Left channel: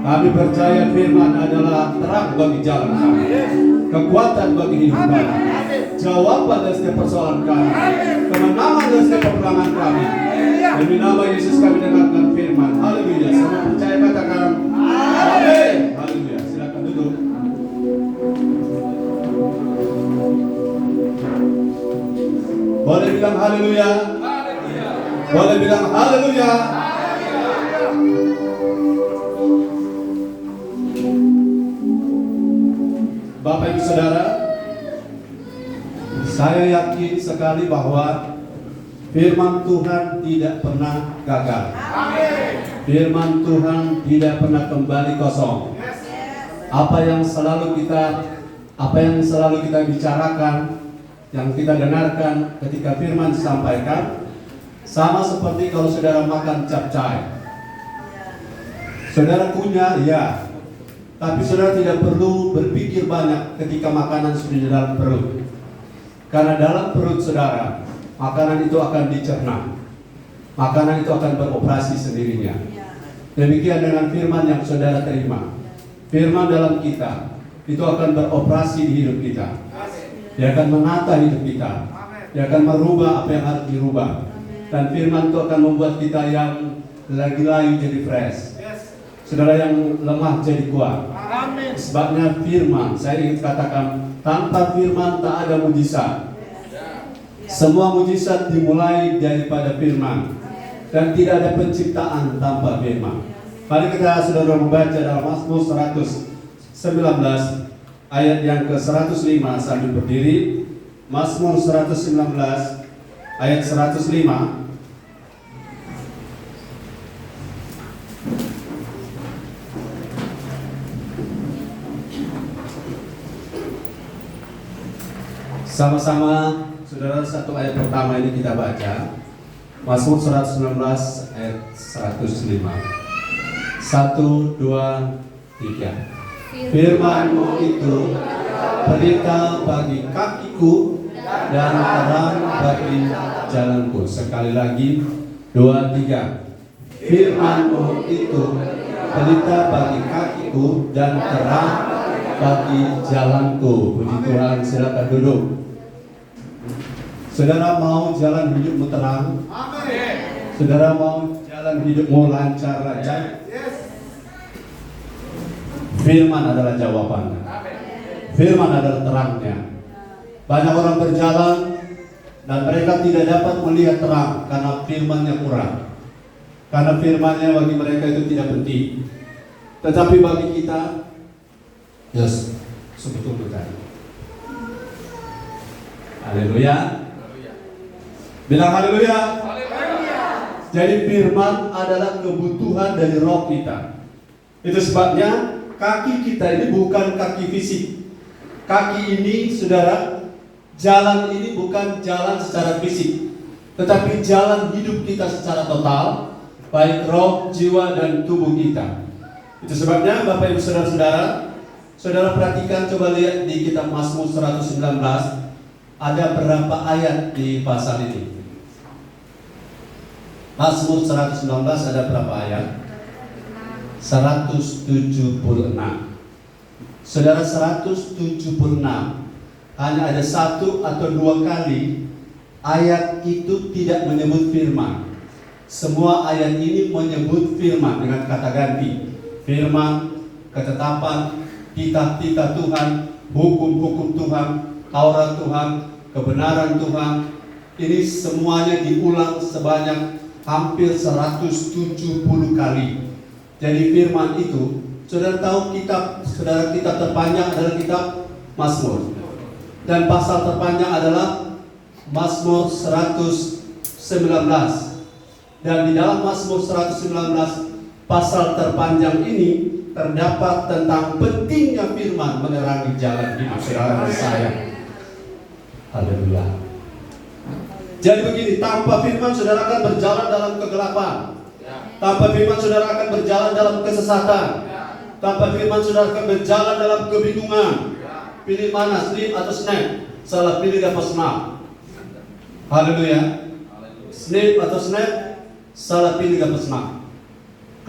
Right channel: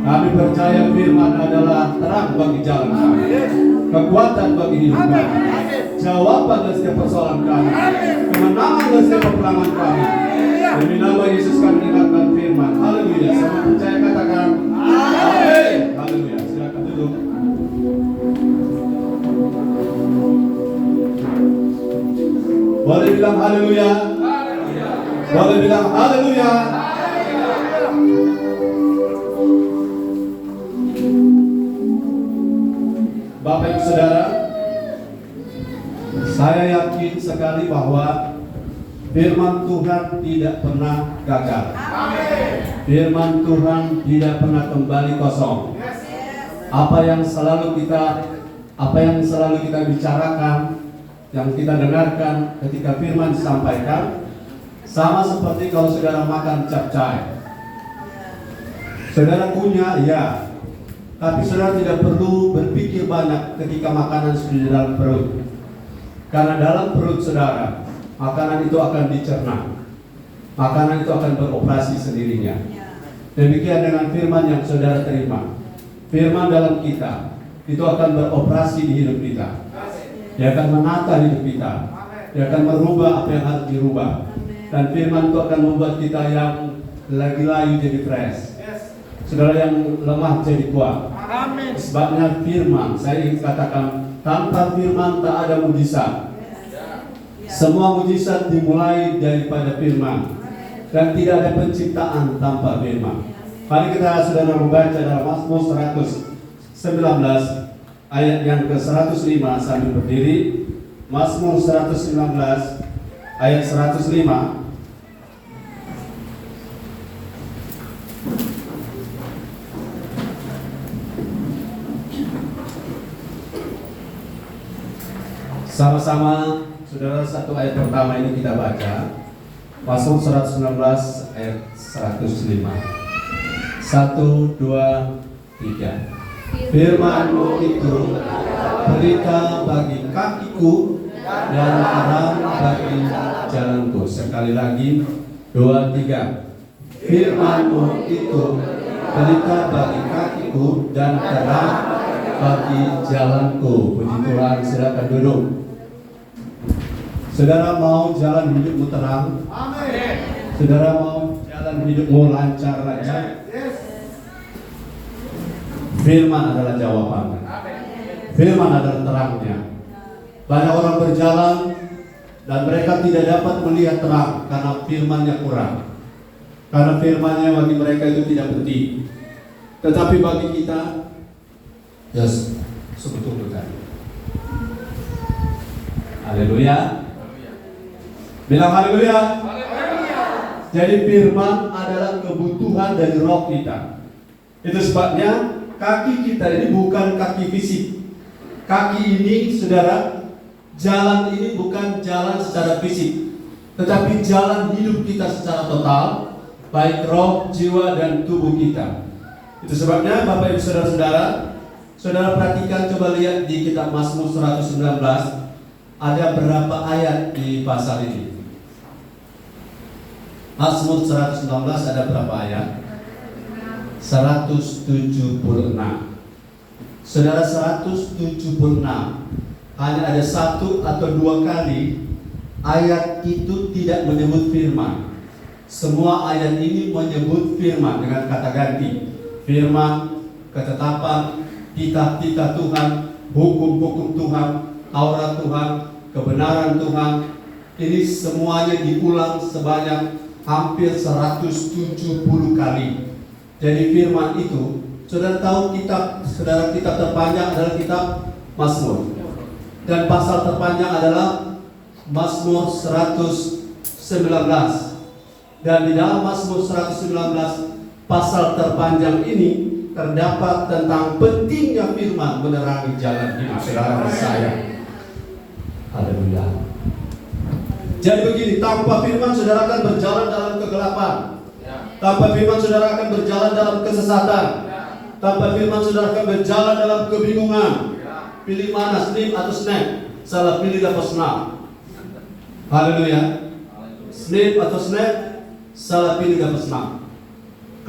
Kami percaya firman adalah terang bagi jalan kami, kekuatan bagi hidup kami, jawaban dari setiap persoalan kami, kemenangan dari setiap peperangan kami. Demi nama Yesus kami dengarkan firman. Haleluya. Semua percaya katakan amin. Haleluya. Silakan duduk. Boleh bilang haleluya. Boleh bilang haleluya. Bapak Ibu Saudara, saya yakin sekali bahwa firman Tuhan tidak pernah gagal. Firman Tuhan tidak pernah kembali kosong. Apa yang selalu kita bicarakan, yang kita dengarkan ketika firman disampaikan, sama seperti kalau saudara makan capcay. Saudara punya, ya, tapi saudara tidak perlu berpikir banyak ketika makanan sudah di dalam perut. Karena dalam perut saudara, makanan itu akan dicerna. Makanan itu akan beroperasi sendirinya. Demikian dengan firman yang saudara terima. Firman dalam kita, itu akan beroperasi di hidup kita. Dia akan menata hidup kita. Dia akan merubah apa yang harus dirubah. Dan firman itu akan membuat kita yang lagi layu jadi fresh. Saudara yang lemah jadi kuat. Amin. Sebabnya firman, saya ingin katakan, tanpa firman tak ada mujizat. Semua mujizat dimulai daripada firman. Dan tidak ada penciptaan tanpa firman. Mari kita saudara membaca dalam Mazmur 119 ayat yang ke-105 sambil berdiri. Mazmur 119 ayat 105. Sama-sama saudara, satu ayat pertama ini kita baca. Mazmur 119 ayat 105. 1, 2, 3. Firman-Mu itu berita bagi kakiku dan terang bagi jalanku. Sekali lagi, 2, 3. Firman-Mu itu berita bagi kakiku dan terang bagi jalanku. Puji Tuhan, silakan duduk. Saudara mau jalan hidupmu terang? Amin. Saudara mau jalan hidupmu lancar aja? Yes. Firman adalah jawabannya. Firman adalah terangnya. Banyak orang berjalan dan mereka tidak dapat melihat terang karena firmannya kurang. Karena firmannya bagi mereka itu tidak penting. Tetapi bagi kita, yes, sebetulnya. Haleluya. Bilang haleluya. Jadi firman adalah kebutuhan dari roh kita. Itu sebabnya kaki kita ini bukan kaki fisik. Kaki ini, saudara, jalan ini bukan jalan secara fisik, tetapi jalan hidup kita secara total, baik roh, jiwa, dan tubuh kita. Itu sebabnya Bapak Ibu Saudara-saudara, saudara perhatikan, coba lihat di kitab Mazmur 119, ada berapa ayat di pasal ini? Mazmur 119 ada berapa ayat? 176. Saudara, 176 hanya ada 1 atau 2 kali ayat itu tidak menyebut firman. Semua ayat ini menyebut firman dengan kata ganti. Firman, ketetapan, titah-titah Tuhan, hukum-hukum Tuhan, Taurat Tuhan, kebenaran Tuhan. Ini semuanya diulang sebanyak hampir 170 kali. Jadi firman itu, saudara tahu kitab terpanjang adalah kitab Mazmur. Dan pasal terpanjang adalah Mazmur 119. Dan di dalam Mazmur 119 pasal terpanjang ini terdapat tentang pentingnya firman menerangi jalan hidup saudara dan saya. Haleluya. Jadi begini, tanpa firman saudara akan berjalan dalam kegelapan. Tanpa firman saudara akan berjalan dalam kesesatan. Tanpa firman saudara akan berjalan dalam kebingungan. Pilih mana, snip atau snap? Salah pilih dapat snap. Haleluya. Snip atau snap? Salah pilih dapat snap.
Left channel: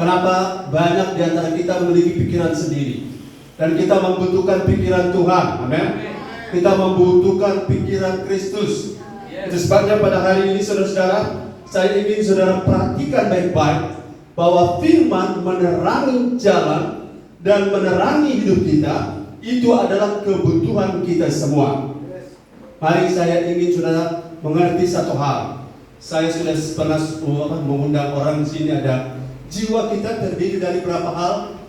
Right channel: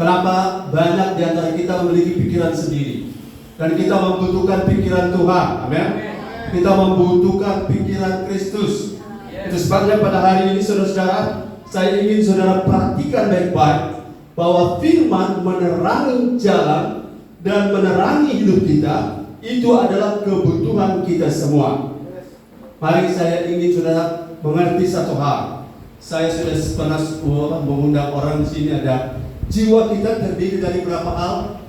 Kenapa banyak di antara kita memiliki pikiran sendiri dan kita membutuhkan pikiran Tuhan. Amin. Kita membutuhkan pikiran Kristus. Itu sebabnya pada hari ini saudara-saudara, saya ingin saudara perhatikan baik-baik bahwa firman menerangi jalan dan menerangi hidup kita. Itu adalah kebutuhan kita semua. Mari saya ingin saudara mengerti satu hal. Saya sudah pernah mengundang orang di sini. Ada jiwa kita terdiri dari berapa hal?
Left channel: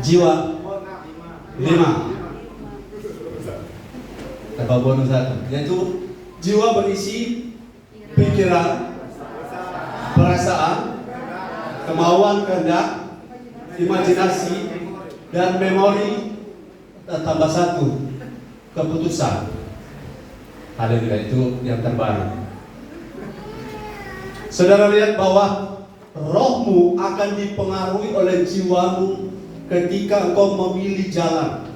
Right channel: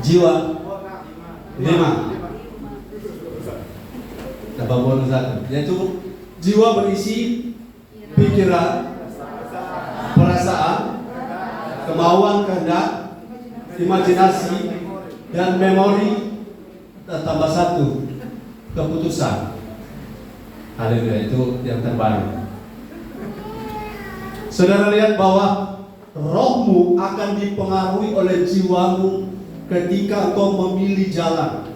Jiwa 5. Tababon satu, yaitu jiwa berisi pikiran, perasaan, kemauan, kehendak, imajinasi, dan memori. Tambah satu, keputusan. Haleluya, itu yang terbaru. Saudara lihat bahwa rohmu akan dipengaruhi oleh jiwamu ketika engkau memilih jalan.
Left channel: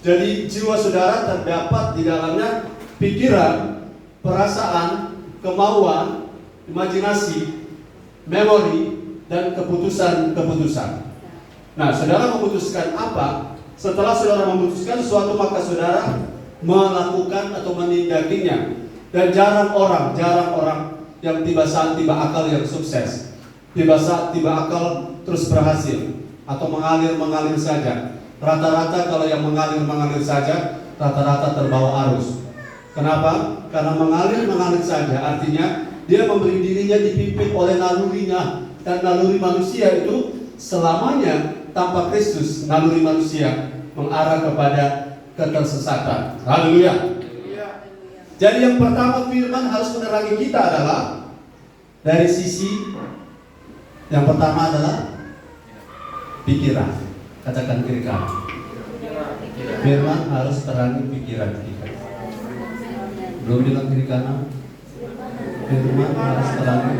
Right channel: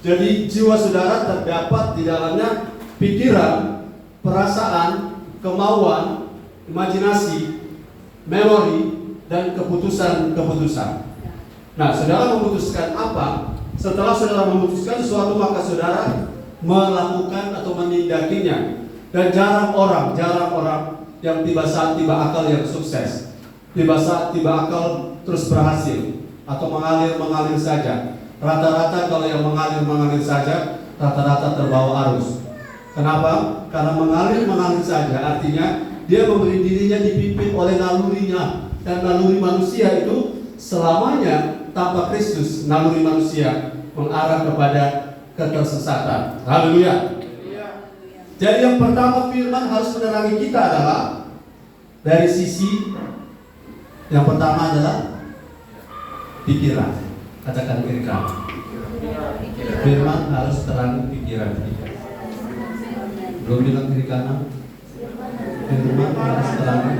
Jadi jiwa saudara terdapat di dalamnya pikiran, perasaan, kemauan, imajinasi, memori, dan keputusan-keputusan. Nah, saudara memutuskan apa? Setelah saudara memutuskan sesuatu, maka saudara melakukan atau menindakinya. Dan jarang orang yang tiba saat tiba akal yang sukses, tiba saat tiba akal terus berhasil, atau mengalir saja. Rata-rata kalau yang mengalir saja, rata-rata terbawa arus. Kenapa? Karena mengalir saja artinya dia memberi dirinya dipimpin oleh nalurinya. Dan naluri manusia itu selamanya tanpa Kristus, naluri manusia mengarah kepada ketersesatan. Haleluya. Jadi yang pertama firman harus menerangi kita adalah dari sisi yang pertama adalah pikiran. Katakan kiri kanan. Firman harus terangi pikiran kita. Belum bilang kiri kanan. Firman harus terangi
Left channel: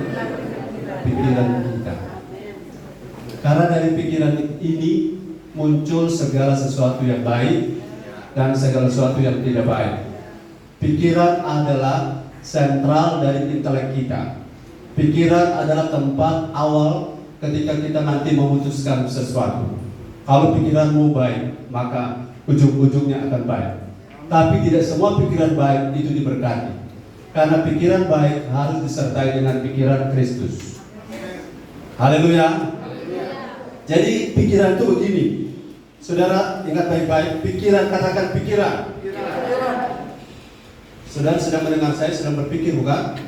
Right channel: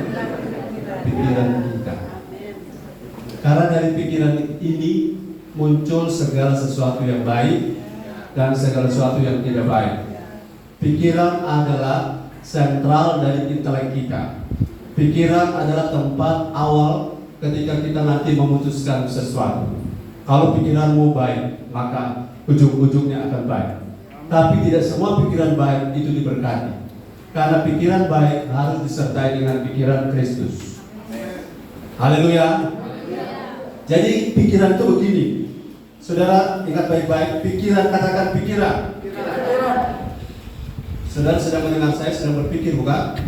pikiran kita. Karena dari pikiran ini muncul segala sesuatu yang baik dan segala sesuatu yang tidak baik. Pikiran adalah sentral dari intelek kita. Pikiran adalah tempat awal ketika kita nanti memutuskan sesuatu. Kalau pikiranmu baik, maka ujung-ujungnya akan baik. Tapi tidak semua pikiran baik itu diberkati. Karena pikiran baik harus disertai dengan pikiran Kristus. Haleluya. Jadi pikiran itu begini. Saudara ingat baik-baik, pikiran, katakan pikiran. Saudara sedang mendengar saya, sedang berpikir, bukan?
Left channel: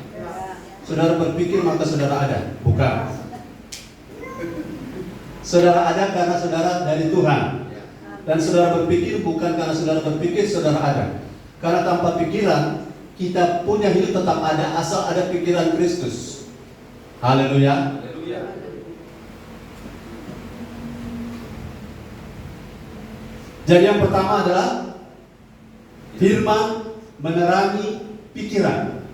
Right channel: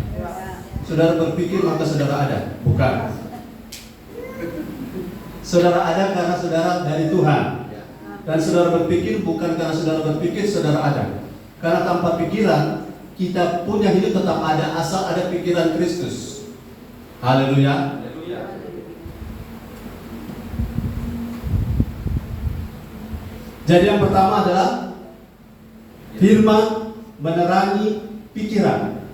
Saudara berpikir maka saudara ada, bukan? Saudara ada karena saudara dari Tuhan. Dan saudara berpikir bukan karena saudara berpikir saudara ada. Karena tanpa pikiran kita punya hidup tetap ada asal ada pikiran Kristus. Haleluya. Jadi yang pertama adalah firman menerangi pikiran.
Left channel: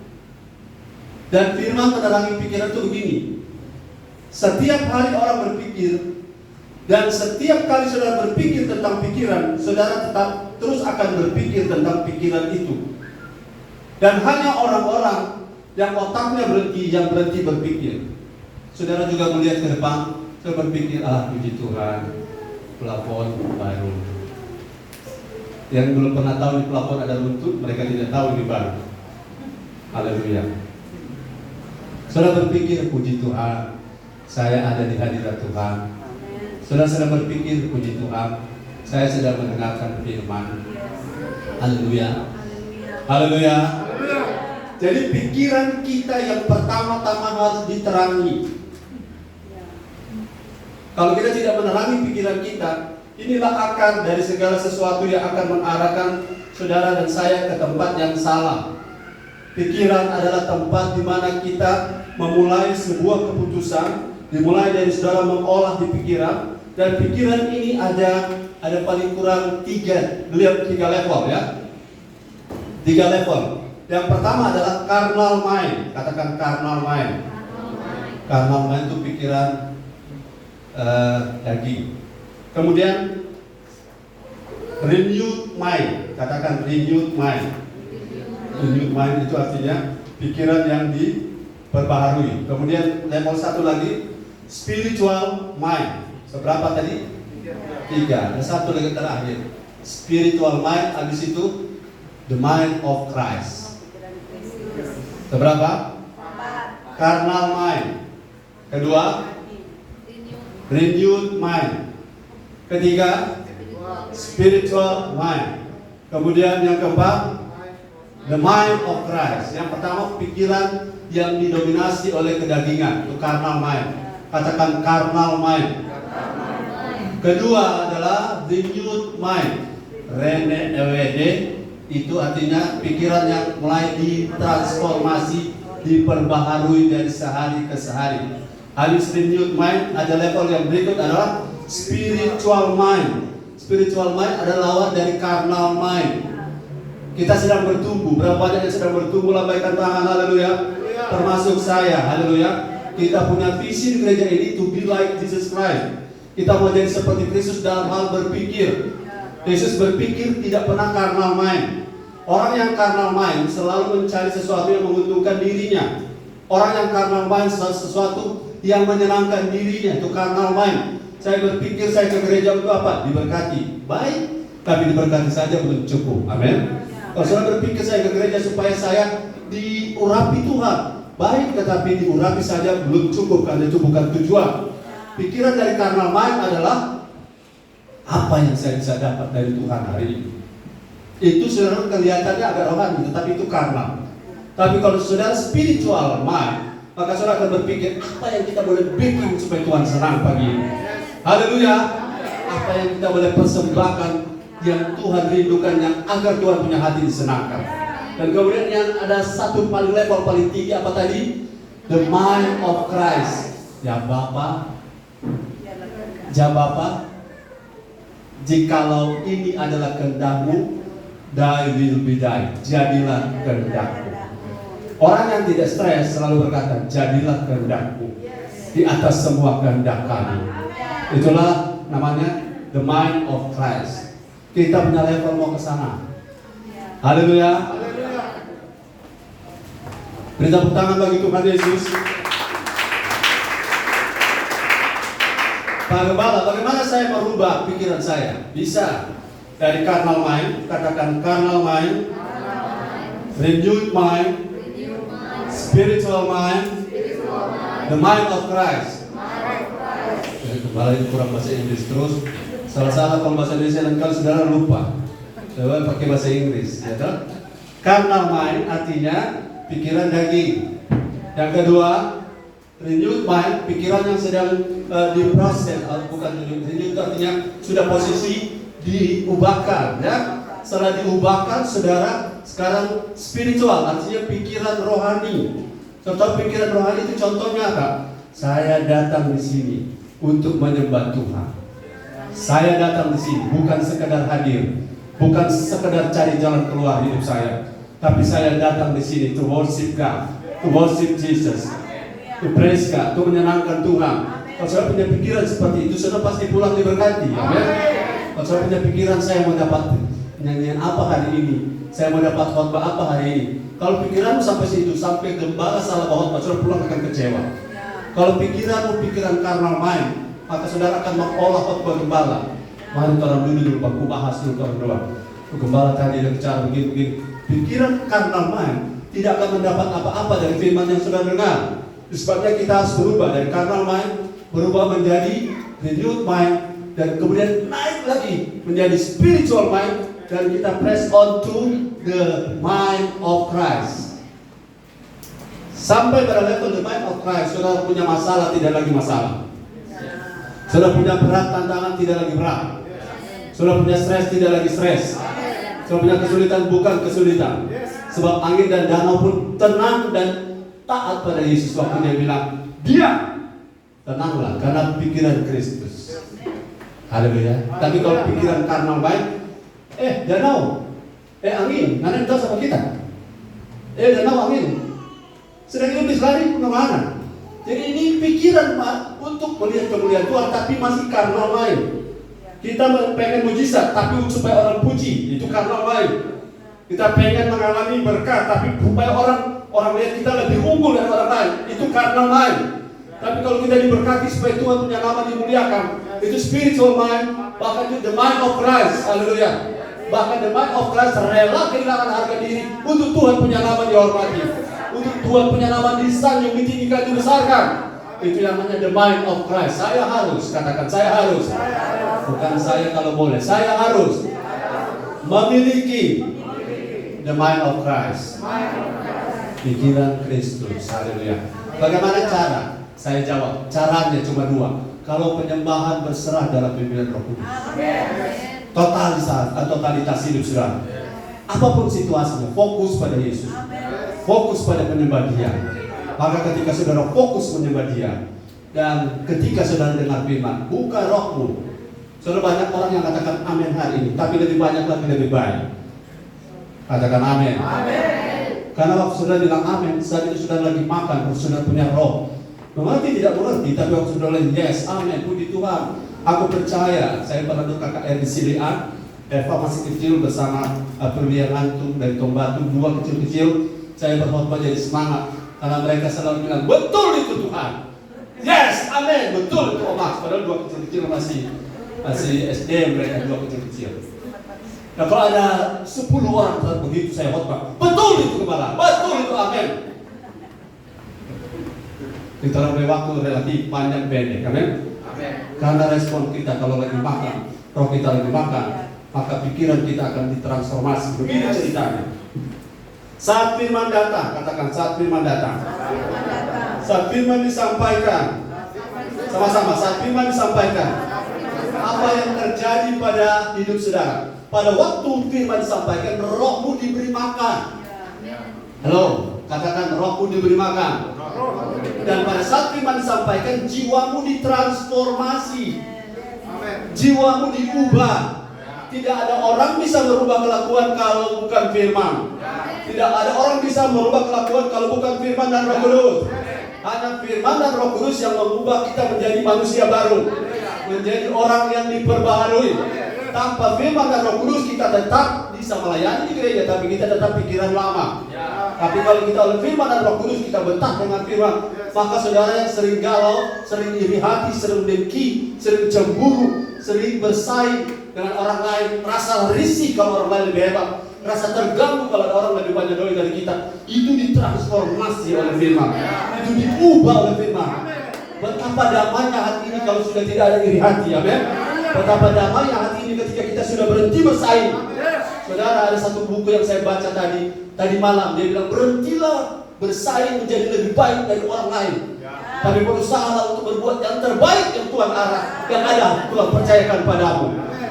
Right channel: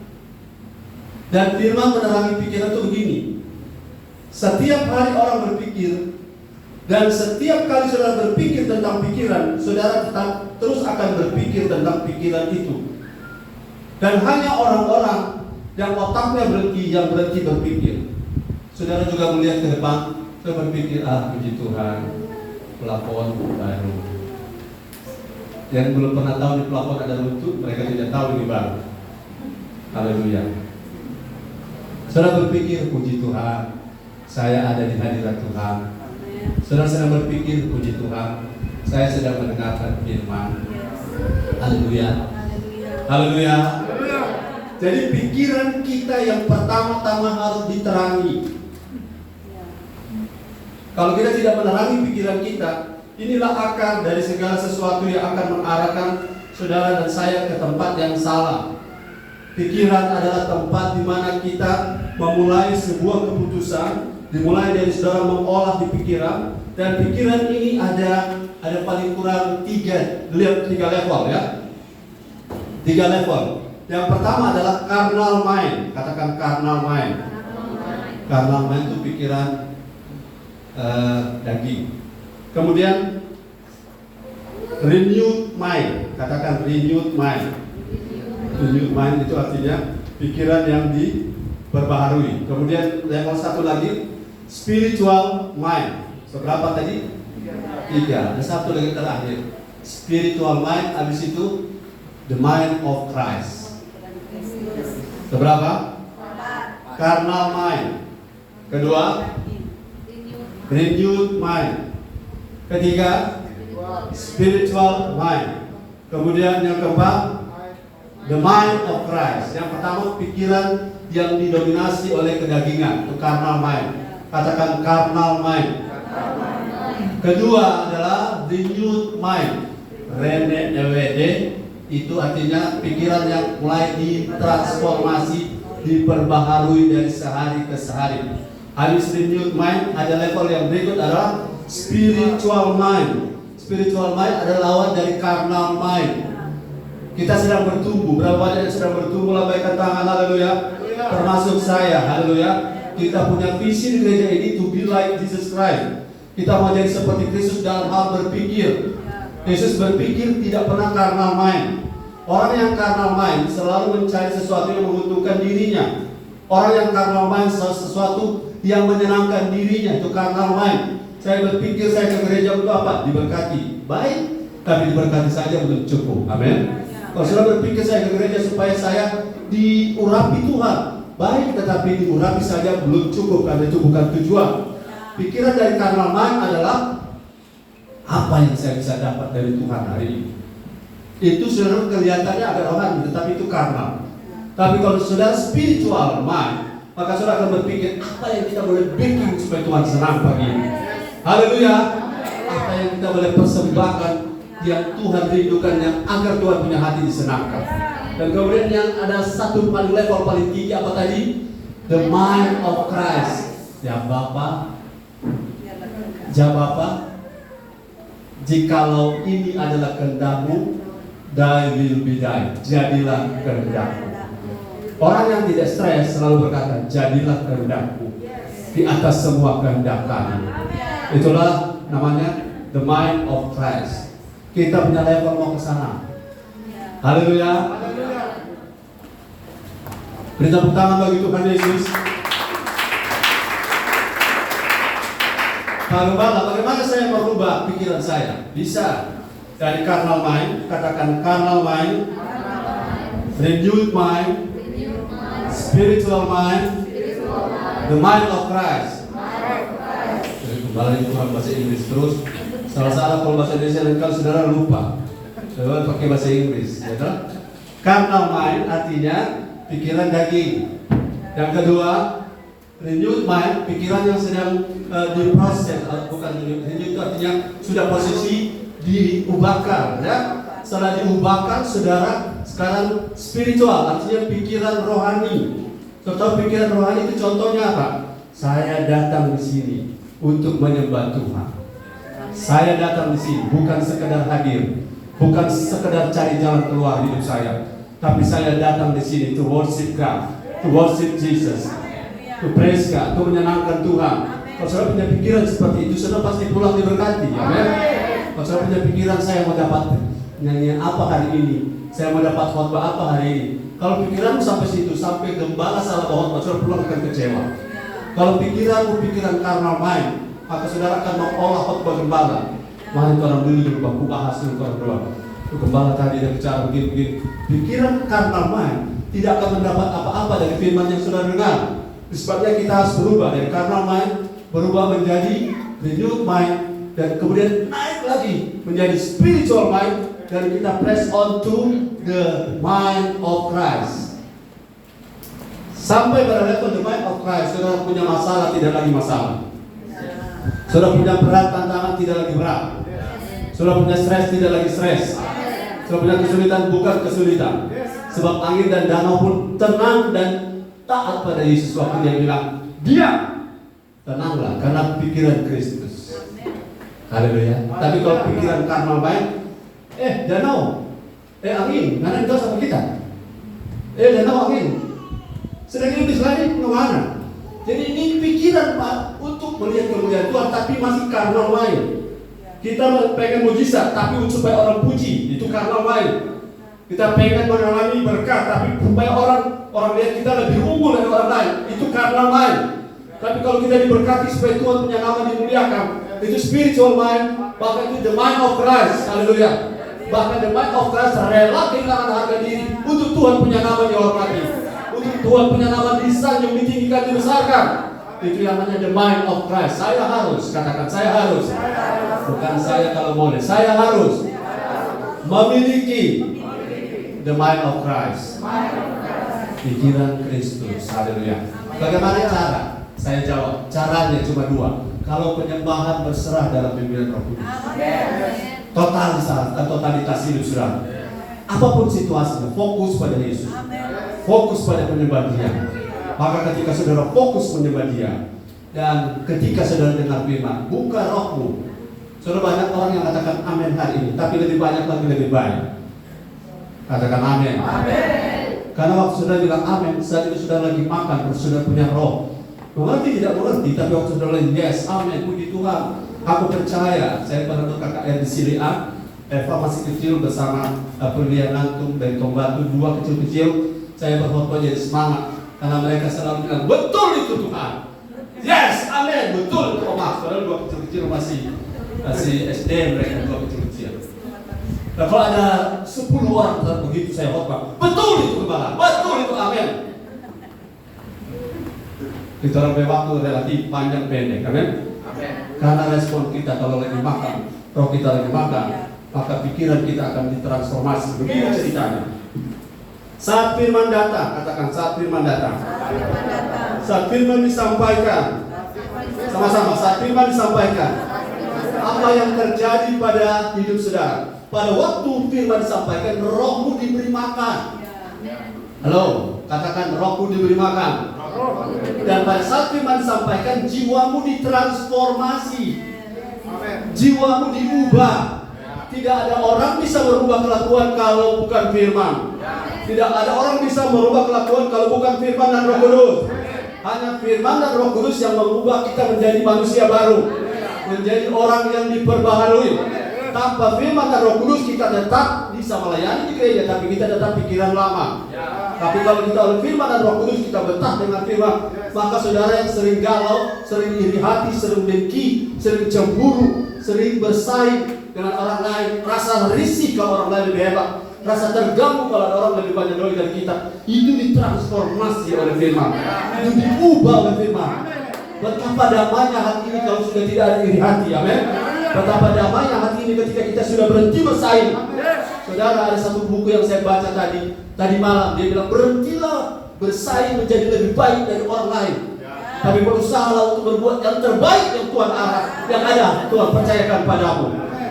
Dan firman menerangi pikiran itu begini. Setiap hari orang berpikir, dan setiap kali saudara berpikir tentang pikiran, saudara tetap terus akan berpikir tentang pikiran itu. Dan hanya orang-orang yang otaknya yang berhenti berpikir. Saudara juga melihat ke depan, saya berpikir, puji Tuhan, plafon baru. Yang belum pernah tahu di plafon ada runtuh, mereka tidak tahu ini baru. Haleluya. Saudara berpikir, puji Tuhan, saya ada di hadirat Tuhan. Saudara sedang berpikir, puji Tuhan, saya sedang mendengarkan firman. Haleluya. Haleluya. Jadi pikiran kita yang pertama-tama harus diterangi. Kalau kita tidak menerangi pikiran kita, inilah akar dari segala sesuatu yang akan mengarahkan saudara dan saya ke tempat yang salah. Pikiran adalah tempat di mana kita memulai sebuah keputusan, dimulai dari saudara mengolah di pikiran, dan pikiran ini ada paling kurang tiga level ya. 3 level. Yang pertama adalah carnal mind. Katakan carnal mind. Carnal mind itu pikiran daging. Kemudian renewed mind. Katakan renewed mind. Renewed mind itu artinya pikiran yang diperbaharui. Kemudian level 1 lagi spiritual mind. Seberapa tadi? 3. Ada satu lagi terakhir. Spiritual mind, habis itu the mind of Christ. Seberapa? Carnal mind. Kedua, renewed mind. Ketiga, spiritual mind. Kemudian yang keempat, the mind of Christ. Yang pertama, pikiran yang didominasi oleh kedagingan, itu carnal mind. Katakan carnal mind. Kedua adalah renewed mind. Renewed itu artinya pikiran yang mulai ditransformasi, diperbaharui dari sehari ke sehari. Habis renewed mind, ada level yang berikut adalah spiritual mind. Spiritual mind adalah lawan dari carnal mind. Kita sedang bertumbuh. Berapa banyak yang sedang bertumbuh? Lambaikan tangan, haleluya. Termasuk saya, haleluya. Kita punya visi gereja ini to be like Jesus Christ. Kita mau jadi seperti Kristus dalam hal berpikir. Yesus berpikir tidak pernah carnal mind. Orang yang carnal mind selalu mencari sesuatu yang menguntungkan dirinya. Orang yang carnal mind sesuatu yang menyenangkan dirinya, itu carnal mind. Saya berpikir saya ke gereja untuk apa? Diberkati. Baik, tapi diberkati saja belum cukup. Amin. Kalau saya berpikir saya ke gereja supaya saya diurapi Tuhan, baik, tetapi diurapi saja belum cukup, karena itu bukan tujuan. Pikiran dari carnal mind adalah apa yang saya bisa dapat dari Tuhan hari ini. Itu saudara kelihatannya agak rohani, tetapi itu carnal. Tapi kalau saudara spiritual mind, maka saudara akan berpikir apa yang kita boleh bikin supaya Tuhan senang pagi ini. Haleluya. Apa yang kita boleh persembahkan yang Tuhan rindukan, yang agar Tuhan punya hati disenangkan. Dan kemudian yang ada satu level paling tinggi apa tadi? The mind of Christ. Ya Bapa, jikalau ini adalah kehendak-Mu, thy will be done. Jadilah kehendak-Mu. Orang yang tidak stres selalu berkata, jadilah kehendak-Mu di atas semua kehendak kami. Itulah namanya the mind of Christ. Kita punya level mau ke sana. Haleluya. Beri tepuk tangan bagi Tuhan Yesus. Bagaimana saya merubah pikiran saya? Bisa dari carnal mind, katakan carnal mind, renewed mind, spiritual mind, the mind of Christ. Malah ini kurang bahasa Inggris terus. Salah-salah kalau bahasa Indonesia dan kalau saudara lupa, saudara pakai bahasa Inggris. Ya, carnal mind artinya pikiran daging. Yang kedua, renewed mind, pikiran yang sedang diproses, bukan renewed itu artinya sudah posisi diubahkan, ya. Setelah diubahkan, saudara sekarang spiritual, artinya pikiran rohani. Contoh pikiran rohani itu contohnya apa? Saya datang di sini untuk menyembah Tuhan. Saya datang di sini bukan sekedar hadir, bukan sekedar cari jalan keluar hidup saya, tapi saya datang di sini to worship God, to worship Jesus, to praise God, to menyenangkan Tuhan. Kalau saya punya pikiran seperti itu, saudara pasti pulang diberkati. Amin. Kalau saya punya pikiran saya mau dapat nyanyian apa hari ini, saya mau dapat khotbah apa hari ini. Kalau pikiranmu sampai situ, sampai gembala salah khotbah, saudara pulang akan kecewa. Kalau pikiranmu pikiran carnal mind, maka saudara akan mengolah khotbah gembala. Mari orang dulu bangku bahas dulu orang doa. Gembala tadi ada bicara begini. Pikiran carnal mind tidak akan mendapat apa-apa dari firman yang saudara dengar. Sebabnya kita harus berubah dari carnal mind, berubah menjadi renewed mind, dan kemudian naik lagi menjadi spiritual mind, dan kita press on to the mind of Christ. Sampai pada level the mind of Christ, saudara punya masalah tidak lagi masalah. Saudara punya berat tantangan tidak lagi berat. Saudara punya stres tidak lagi stres. Saudara punya kesulitan bukan kesulitan. Sebab angin dan danau pun tenang dan taat pada Yesus waktu dia bilang, diam, tenanglah karena pikiran Kristus. Haleluya. Tapi kalau pikiran karnal baik, danau, angin, mana itu sama kita? Danau angin, sedang lebih lari kemana? Jadi ini pikiran Pak untuk melihat kemuliaan Tuhan, tapi masih karnal lain. Kita pengen mujizat, tapi supaya orang puji, itu karnal lain. Kita pengen mengalami berkat, tapi supaya orang lihat kita lebih unggul dari orang lain, itu karnal lain. Tapi kalau kita diberkati supaya Tuhan punya nama dimuliakan, itu spiritual mind, bahkan itu the mind of Christ. Haleluya. Bahkan the mind of Christ rela kehilangan harga diri untuk Tuhan punya nama dihormati, untuk Tuhan punya nama disanjung, ditinggikan, dibesarkan. Itu yang namanya the mind of Christ. Saya harus, katakan saya harus. Bukan saya kalau boleh, saya harus memiliki the mind of Christ. Pikiran Kristus. Haleluya. Bagaimana cara? Saya jawab, caranya cuma dua. Kalau penyembahan berserah dalam pimpinan Roh Kudus, totalitas hidup saudara. Apapun situasinya, fokus pada Yesus, fokus pada penyembah Dia. Maka ketika saudara fokus menyembah Dia, dan ketika saudara dengar firman, buka rohmu. Saudara, banyak orang yang katakan amin hari ini, tapi lebih banyak lagi lebih baik. Katakan amin. Karena waktu saudara bilang amin, saat itu saudara lagi makan, saudara punya roh. Mengerti tidak mengerti, tapi waktu saudara bilang yes, amin, puji Tuhan, aku percaya. Saya pernah dulu KKR di Silian, Eva masih kecil bersama Perlian Antum dan Tombatu, dua kecil-kecil. Saya berkhotbah jadi semangat, karena mereka selalu bilang, betul itu Tuhan. Yes, amin, betul itu. Oh maaf, padahal dua kecil-kecil masih SD, mereka dua kecil-kecil. Nah, kalau ada 10 orang begitu saya khotbah, betul itu kepala, betul itu, amin. Itu dalam waktu relatif panjang pendek, amin. Karena respon kita kalau lagi makan, roh kita lagi makan, maka pikiran kita akan ditransformasi. Begitu ceritanya. Saat firman datang, katakan saat firman datang. Saat firman disampaikan, sama-sama. Saat firman disampaikan, apa yang terjadi pada hidup saudara? Pada waktu firman disampaikan, rohmu diberi makan. Halo, katakan rohmu diberi makan. Dan pada saat firman disampaikan, jiwamu ditransformasi, jiwamu diubah. Tidak ada orang bisa merubah kelakuan kalau bukan firman. Tidak ada orang bisa merubah kelakuan kalau bukan firman dan Roh Kudus. Hanya firman dan Roh Kudus yang mengubah kita menjadi manusia baru, menjadi orang yang diperbaharui. Tanpa firman dan Roh Kudus kita tetap bisa melayani di gereja, tapi kita tetap pikiran lama. Tapi kalau kita oleh firman dan Roh Kudus, kita betah dengan firman, maka saudara yang sering galau, sering iri hati, sering dengki, sering cemburu, sering bersaing dengan orang lain, rasa risih kalau orang lain lebih hebat, rasa terganggu kalau ada orang lebih banyak doi dari kita, itu ditransformasi oleh firman, itu diubah oleh firman. Betapa damainya hati ini kalau sudah tidak ada iri hati, amin. Betapa damainya hati ini ketika kita sudah berhenti bersaing. Saudara, ada satu buku yang saya baca tadi malam, dia bilang berhentilah bersaing menjadi lebih baik dari orang lain, tapi berusahalah untuk berbuat yang terbaik yang Tuhan yang ada Tuhan percayakan padamu.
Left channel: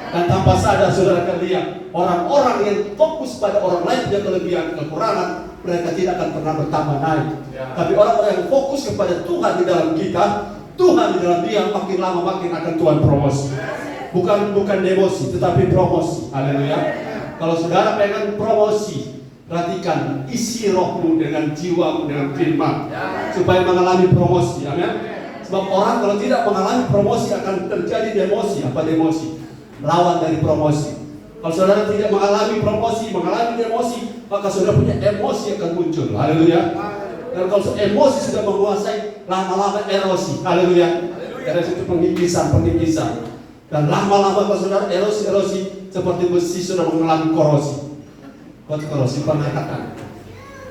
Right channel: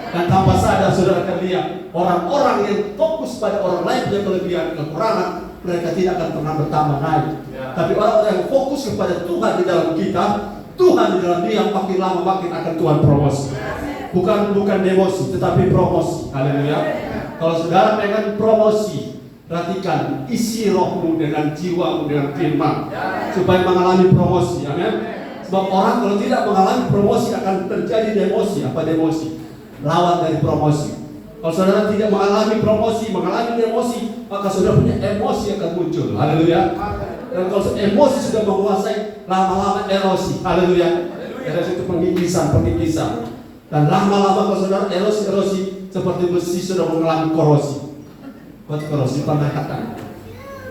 Dan tanpa sadar saudara akan lihat orang-orang yang fokus pada orang lain punya kelebihan kekurangan, mereka tidak akan pernah bertambah naik. Tapi orang-orang yang fokus kepada Tuhan di dalam kita, Tuhan di dalam dia, makin lama makin akan Tuhan promosi. Bukan demosi, tetapi promosi. Haleluya. Kalau saudara pengen promosi, perhatikan isi rohmu dengan jiwamu dengan firman supaya mengalami promosi. Amin. Sebab orang kalau tidak mengalami promosi akan terjadi demosi. Apa demosi? Lawan dari promosi. Kalau saudara tidak mengalami promosi, mengalami demosi, maka saudara punya emosi akan muncul. Haleluya. Dan kalau emosi sudah menguasai, lama-lama erosi. Haleluya. Ada itu pengikisan. Dan lama-lama kalau saudara erosi seperti besi sudah mengalami korosi. Korosi pengangkatan.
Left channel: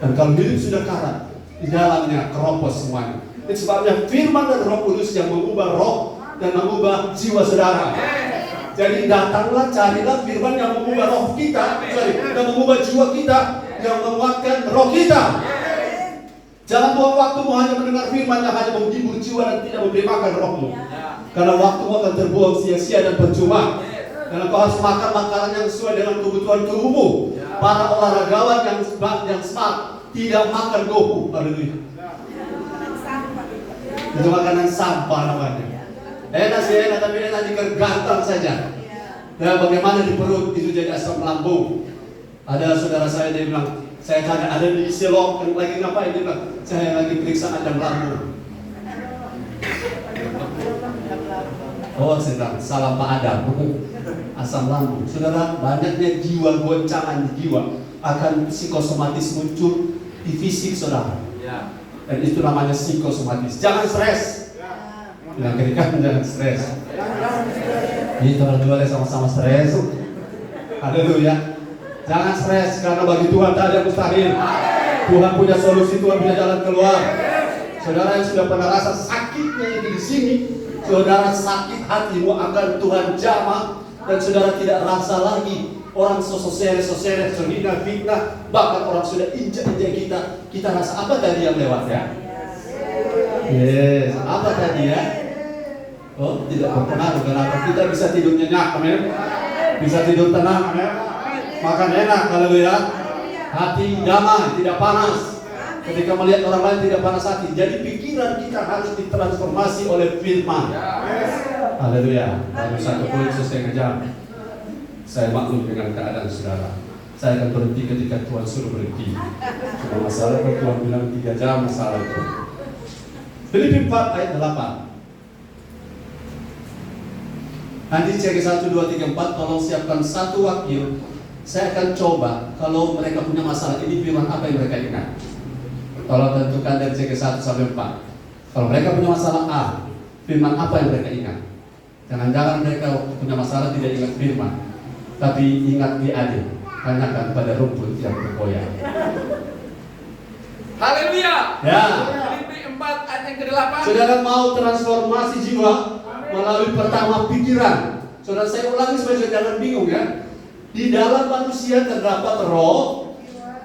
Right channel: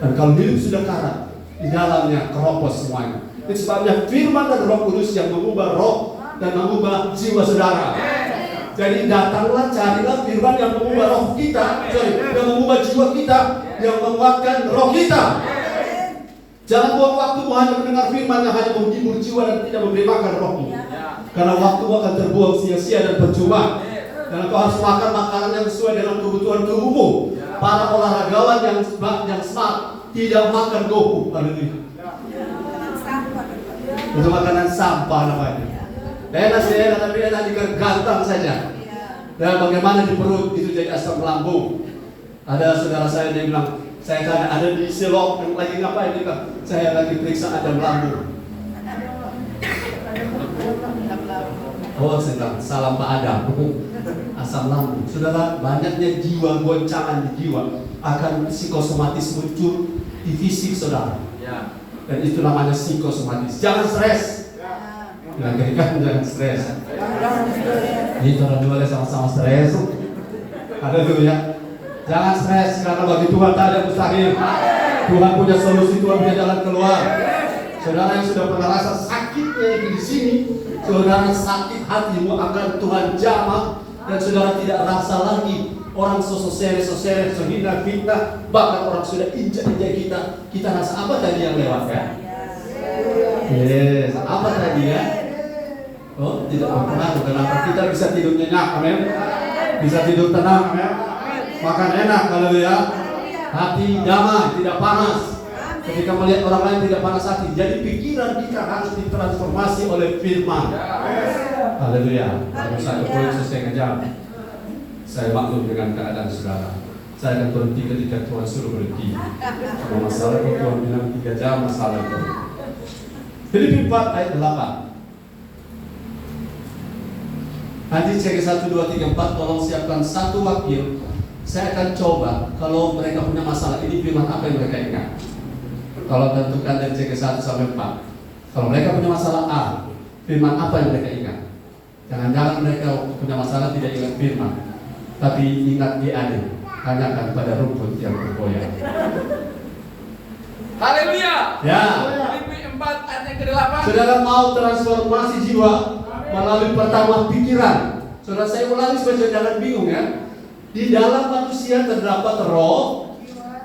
Dan kalau hidup sudah karat, di dalamnya keropos semuanya. Itu sebabnya firman dan Roh Kudus yang mengubah roh dan mengubah jiwa saudara. Jadi datanglah, carilah firman yang mengubah roh kita, dan mengubah jiwa kita, yang menguatkan roh kita. Jangan buang waktumu hanya mendengar firman yang hanya menghibur jiwa dan tidak memberi makan rohmu. Karena waktumu akan terbuang sia-sia dan percuma. Karena kau harus makan makanan yang sesuai dengan kebutuhan tubuhmu. Para olahragawan yang smart tidak makan gohu. Haleluya. Itu makanan sampah namanya. Enak sih, tapi enak dikergantang saja. Dan bagaimana di perut itu jadi asam lambung. Ada saudara saya dia bilang, saya tanya ada di Silok yang lagi ngapain, dia bilang, saya lagi periksa asam lambung. Oh, saya bilang, salam Pak Adam. Asam lambung. Saudara, banyaknya jiwa goncangan di jiwa akan psikosomatis muncul di fisik saudara. Dan itu namanya psikosomatis. Jangan stres. Bilang kiri kanan, jangan stres. Jadi orang dua sama-sama stres. Haleluya. Jangan stres, karena bagi Tuhan tak ada yang mustahil. Tuhan punya solusi, Tuhan punya jalan keluar. Saudara yang sudah pernah rasa sakitnya di sini, saudara sakit hatimu agar Tuhan jamah, dan saudara tidak rasa lagi orang sosok-sosok, sehina, fitnah, bahkan orang sudah injak-injak kita. Kita rasa apa tadi yang lewat ya? Yes, apa tadi ya? Oh, tidak berpengaruh. Kenapa kita bisa tidur nyenyak, amin? Bisa tidur tenang, amin? Makan enak, haleluya. Hati damai, tidak panas. Ketika melihat orang lain tidak panas hati. Jadi pikiran kita harus ditransformasi oleh firman. Haleluya. Dalam 1 Korintus 3 jam. Saya maklum dengan keadaan saudara. Saya akan berhenti ketika Tuhan suruh berhenti. Cuma masalah kalau Tuhan bilang 3 jam, masalah itu. Filipi 4 ayat 8. Nanti cek 1, 2, 3, 4. Tolong siapkan satu wakil. Saya akan coba kalau mereka punya masalah ini, firman apa yang mereka ingat. Tolong tentukan dari cek 1 sampai 4. Kalau mereka punya masalah A, firman apa yang mereka ingat. Jangan-jangan mereka punya masalah tidak ingat firman, tapi ingat diadil, tanyakan pada rumput yang bergoyang. Haleluya. Ya. Filipi 4 ayat yang ke-8. Saudara mau transformasi jiwa melalui pertama pikiran. Saudara, saya ulangi supaya saudara jangan bingung ya. Di dalam manusia terdapat roh,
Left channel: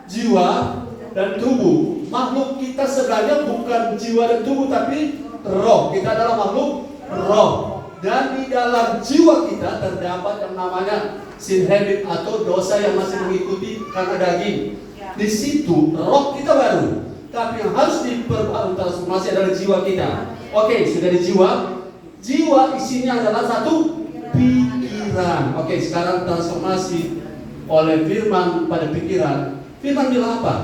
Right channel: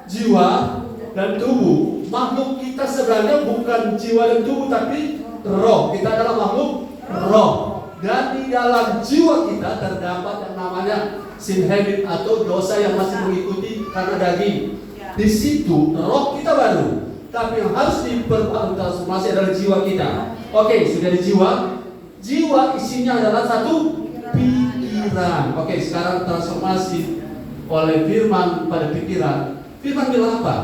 jiwa, dan tubuh. Makhluk kita sebenarnya bukan jiwa dan tubuh, tapi roh. Kita adalah makhluk roh. Dan di dalam jiwa kita terdapat yang namanya sin habit atau dosa yang masih mengikuti karena daging. Di situ roh kita baru, tapi yang harus ditransformasi adalah jiwa kita. Oke, sudah di jiwa. Jiwa isinya adalah satu pikiran. Oke, sekarang transformasi oleh firman pada pikiran. Firman bilang apa?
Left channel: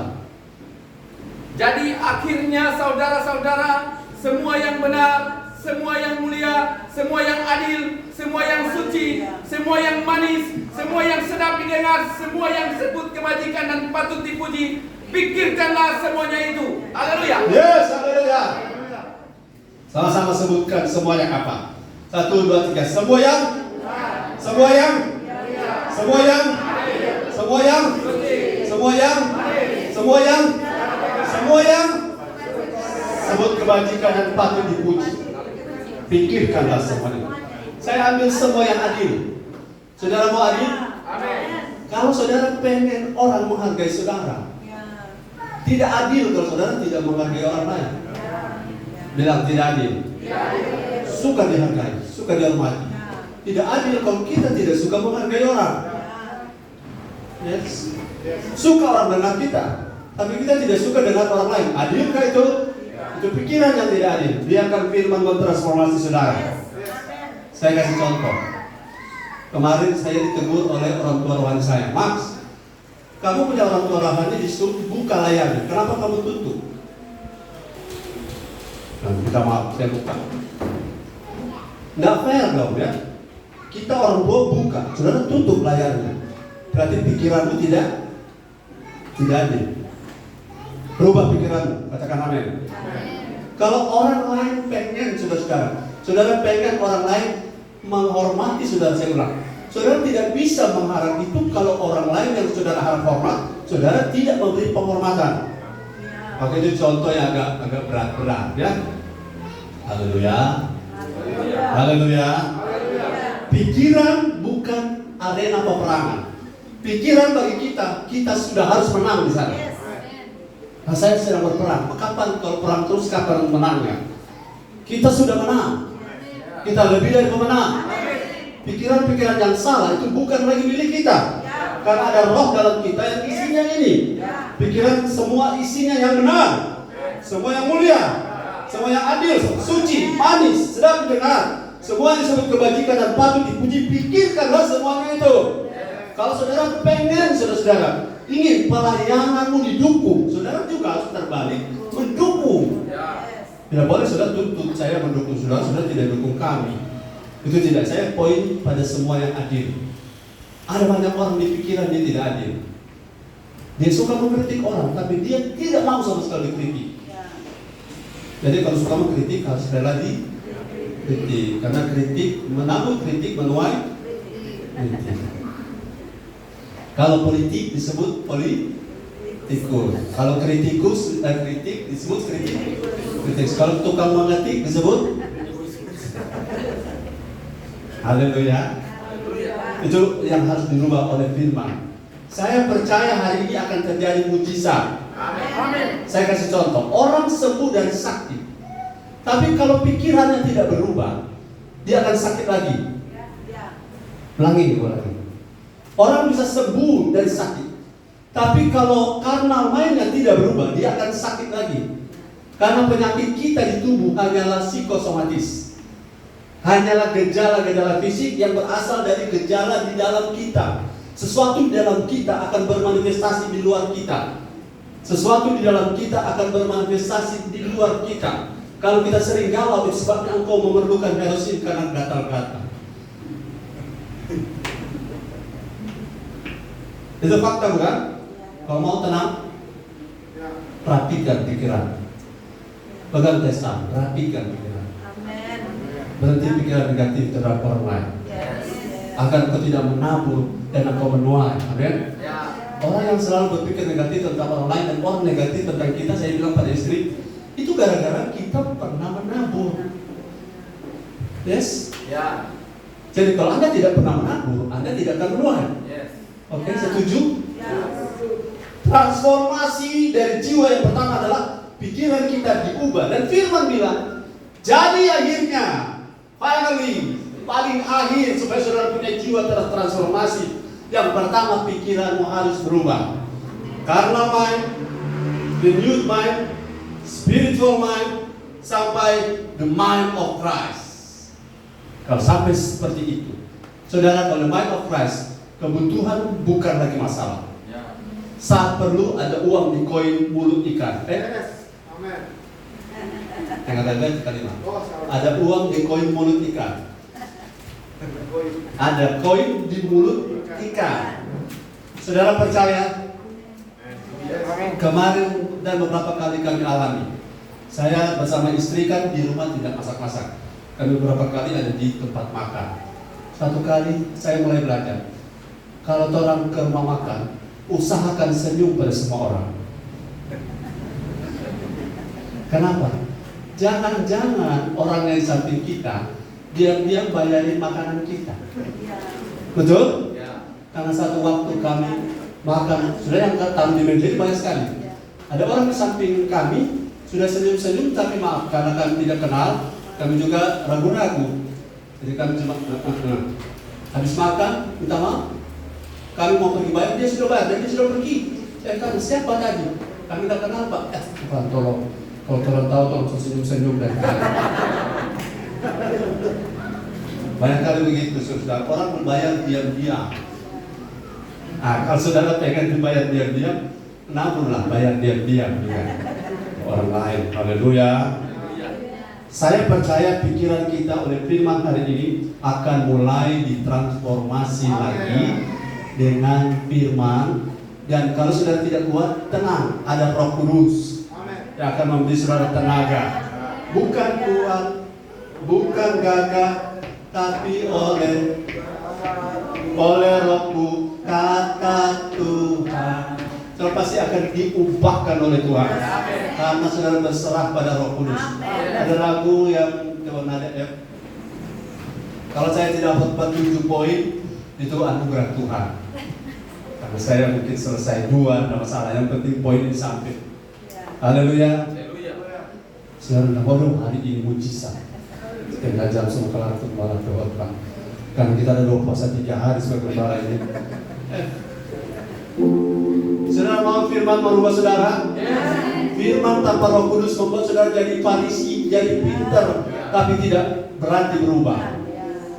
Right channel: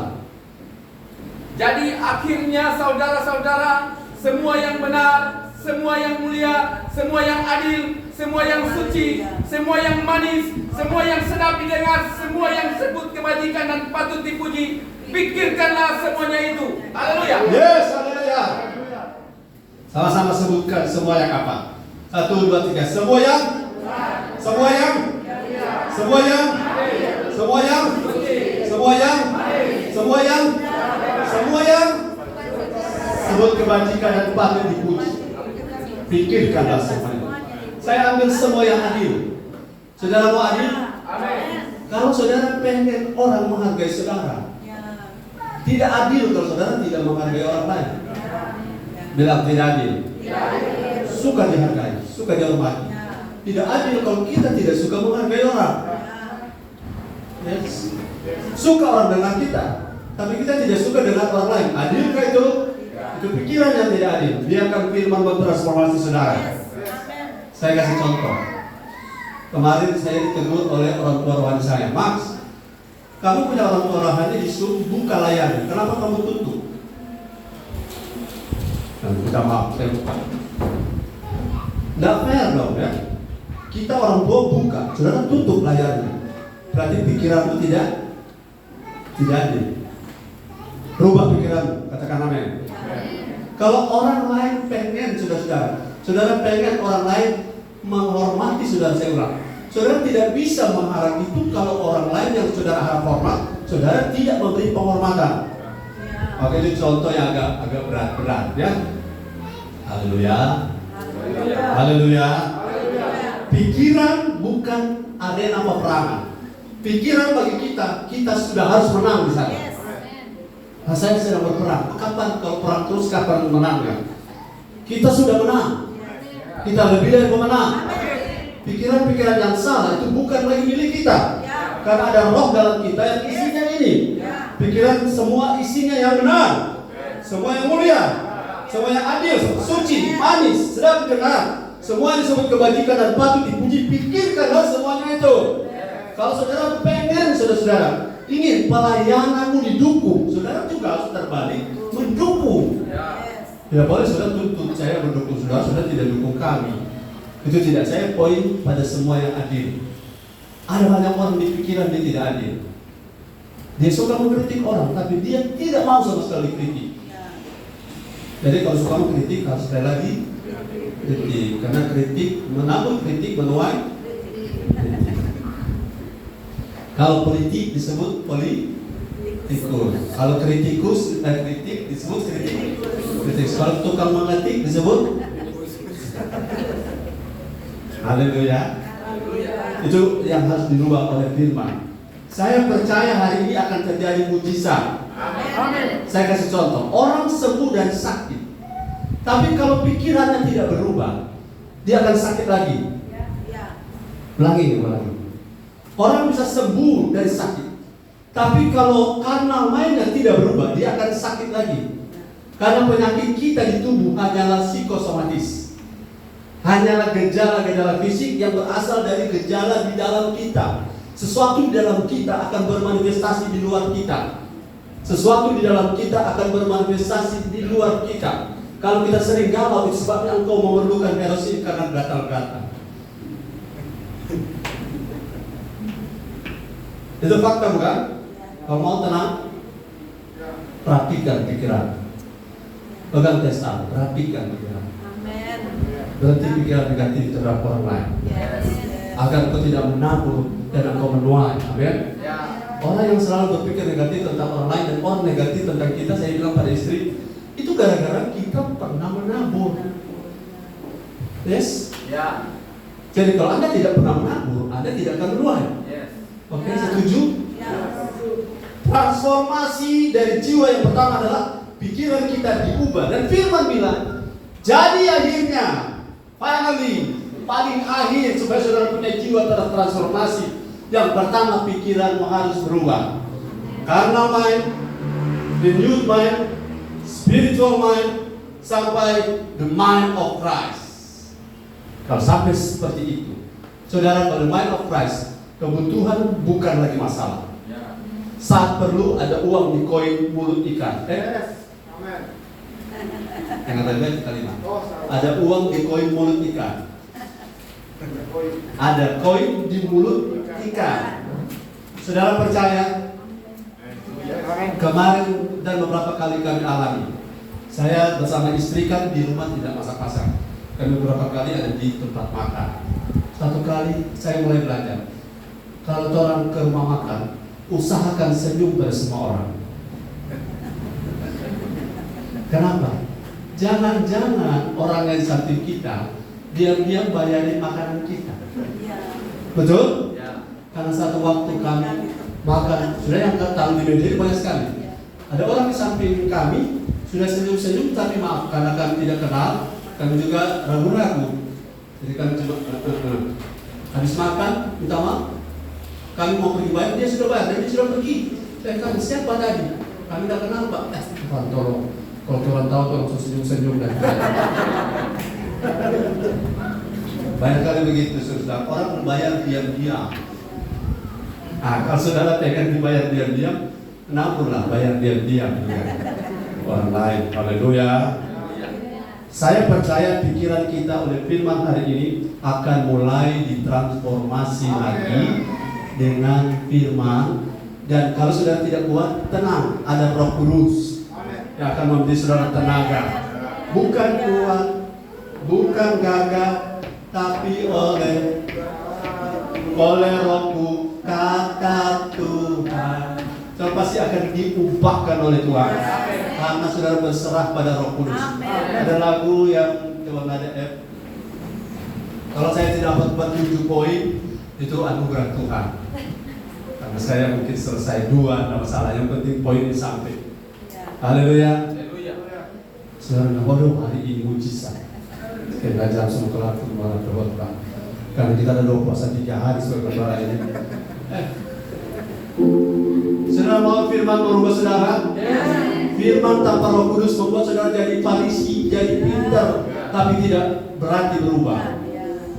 Jadi akhirnya saudara-saudara, semua yang benar, semua yang mulia, semua yang adil, semua yang suci, semua yang manis, semua yang sedap didengar, semua yang sebut kebajikan dan patut dipuji, pikirkanlah semuanya itu. Haleluya. Yes, haleluya. Sama-sama sebutkan semua yang apa? 1, 2, 3. Semua yang Semua yang Semua yang Semua yang Semua yang Semua yang Semua yang sebut kebajikan dan patut dipuji, pikirkanlah semuanya. Saya ambil semua yang adil. Saudara mau adil? Amin. Kalau saudara pengen orang menghargai saudara, tidak adil kalau saudara tidak menghargai orang lain. Bilang tidak adil. Suka dihargai, suka dihormati. Tidak adil kalau kita tidak suka menghargai orang. Yes. Suka orang dengar kita, tapi kita tidak suka dengar orang lain. Adilkah itu? Itu pikiran yang tidak adil. Biarkan firman mentransformasi saudara. Saya kasih contoh. Kemarin saya ditegur oleh orang tua rohani saya. Max, kamu punya orang tua rohani disuruh buka layarnya. Kenapa kamu tutup? Nah, kita maaf, saya buka. Nggak fair dong ya. Kita orang tua buka, saudara tutup layarnya. Berarti pikiranmu tidak adil. Rubah pikiranmu, katakan amin. Kalau orang lain pengen, saudara pengen orang lain menghormati saudara, saya ulang. Saudara tidak bisa mengharap itu kalau orang lain yang saudara harap hormat, saudara tidak memberi penghormatan. Oke, itu contoh yang agak berat-berat ya. Haleluya. Haleluya. Pikiran bukan arena peperangan. Pikiran bagi kita sudah harus menang di sana. Nah, saya sedang berperang. Kapan kalau perang terus, kapan menangnya? Kita sudah menang. Kita lebih dari pemenang. Pikiran-pikiran yang salah itu bukan lagi milik kita. Karena ada roh dalam kita yang isinya ini. Pikiran semua isinya yang benar, semua yang mulia, semua yang adil, suci, manis, sedap didengar, semua yang disebut kebajikan dan patut dipuji. Pikirkanlah semuanya itu. Kalau saudara pengen, saudara ingin pelayananmu didukung, saudara juga harus terbalik mendukung. Tidak boleh saudara tuntut saya mendukung saudara, saudara tidak dukung kami. Itu tidak. Saya poin pada semua yang adil. Ada banyak orang di pikiran dia tidak adil. Dia suka mengkritik orang, tapi dia tidak mau sama sekali kritik. Jadi kalau suka mengkritik harus sekali lagi kritik. Karena kritik menabur kritik menuai kritik. Kalau politik disebut politikus. Kalau kritikus kritik disebut kritik. Kalau tukang mengetik disebut haleluya. Itu yang harus dirubah oleh firman. Saya percaya hari ini akan terjadi mujizat. Amin. Saya kasih contoh, orang sembuh dari sakit. Tapi kalau pikirannya tidak berubah, dia akan sakit lagi. Ulangi. Orang bisa sembuh dari sakit. Tapi kalau karena mainnya tidak berubah, dia akan sakit lagi. Karena penyakit kita di tubuh hanyalah psikosomatis. Hanyalah gejala-gejala fisik yang berasal dari gejala di dalam kita. Sesuatu di dalam kita akan bermanifestasi di luar kita. Sesuatu di dalam kita akan bermanifestasi di luar kita. Kalau kita sering galau, itu sebabnya engkau memerlukan herosin karena gatal-gatal. Itu fakta bukan? Kalau mau tenang, perhatikan pikiran. Pegang testan, perhatikan pikiran. Berhenti pikiran negatif terhadap orang lain. Agar kau tidak menabur dan engkau menuai. Amin. Orang yang selalu berpikir negatif tentang orang lain dan orang negatif tentang kita, saya bilang pada istri, itu gara-gara kita pernah menabur. Yes? Jadi kalau Anda tidak pernah menabur, Anda tidak akan menuai. Oke, setuju? Transformasi dari jiwa yang pertama adalah pikiran kita diubah. Dan firman bilang, jadi akhirnya, finally, paling akhir supaya saudara punya jiwa tertransformasi. Yang pertama, pikiranmu harus berubah. Karena mind, renewed mind, spiritual mind, sampai the mind of Christ. Kalau sampai seperti itu, saudara, pada mind of Christ, kebutuhan bukan lagi masalah. Saat perlu ada uang di koin mulut ikan. Yang ada kalimat. Ada uang di koin mulut ikan. Ada koin di mulut ikan. Saudara percaya? Kemarin dan beberapa kali kami alami. Saya bersama istri kan di rumah tidak masak-masak. Kami beberapa kali ada di tempat makan. Satu kali saya mulai belajar. Kalau orang ke rumah makan, usahakan senyum pada semua orang. Kenapa? Jangan-jangan orang yang di samping kita diam-diam bayarin makanan kita. Betul? Karena satu waktu kami makan, sudah yang taruh di meja banyak sekali. Ada orang di samping kami sudah senyum-senyum, tapi maaf karena kami tidak kenal, kami juga ragu-ragu. Jadi kami cuma habis makan, minta maaf. Kami mau pergi bayar, dia sudah bayar, dan dia sudah pergi. Saya tanya, siapa tadi? Kami tidak kenal, Pak. Tuhan tolong, kalau Tuhan tahu, tolong senyum-senyum dan banyak kali begitu, saudara. Orang membayar diam-diam. Nah, kalau saudara pengen dibayar diam-diam, kenapa bayar diam-diam dengan orang lain? Haleluya. Saya percaya pikiran kita oleh firman hari ini akan mulai ditransformasi lagi dengan firman. Dan kalau sudah tidak kuat, tenang, ada Roh Kudus yang akan memberi saudara tenaga. Bukan kuat, bukan gagah, tapi oleh Rohku, kata Tuhan. Saudara pasti akan diubahkan oleh Tuhan karena saudara berserah pada Roh Kudus. Ada lagu yang coba nada ya. Kalau saya tidak dapat 7 poin, itu anugerah Tuhan. Karena saya mungkin selesai 2, tidak masalah. Yang penting poin di samping. Haleluya. Saudara bodoh, hari ini mujizat. Kita langsung kelar firman Tuhan. Karena kita ada 2 puasa 3 hari sebagai gembala ini. Saudara mau firman merubah saudara? Firman tanpa Roh Kudus membuat saudara jadi Farisi, jadi pintar, tapi tidak berarti berubah.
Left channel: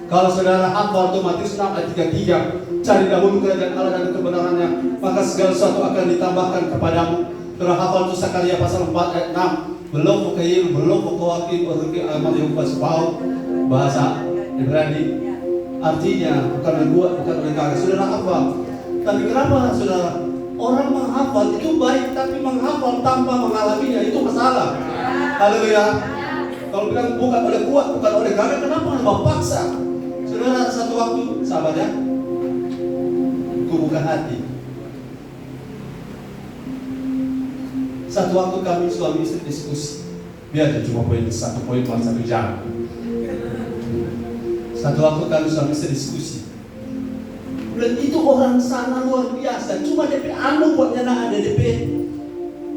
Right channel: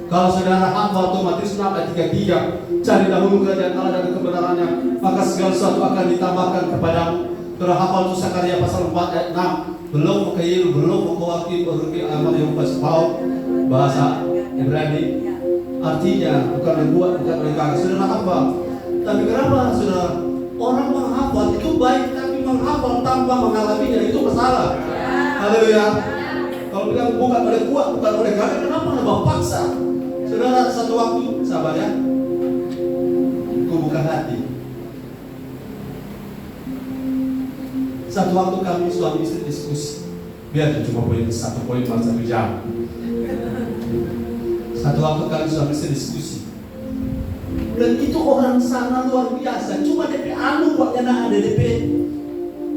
Kalau saudara hafal otomatis 6 ayat 33, cari dahulu kerajaan Allah dan kebenarannya, maka segala sesuatu akan ditambahkan kepadamu. Saudara hafal itu Sakaria pasal 4 ayat 6, belum mukayil, belum mukawaki, berhenti amal yang pasbau, bahasa Ibrani. Artinya bukan buat, bukan negara. Saudara hafal. Tapi kenapa saudara? Orang menghafal itu baik, tapi menghafal tanpa mengalaminya itu masalah. Haleluya. Kalau bilang bukan oleh kuat, bukan oleh gagah. Kenapa Abah paksa? Saudara, satu waktu, sahabat ya, ku buka hati. Satu waktu kami suami istri diskusi. Biar cuma satu poin dalam 1 jam. Satu waktu kami suami istri diskusi. Dan itu orang sana luar biasa. Cuma DP anu buatnya ada DP.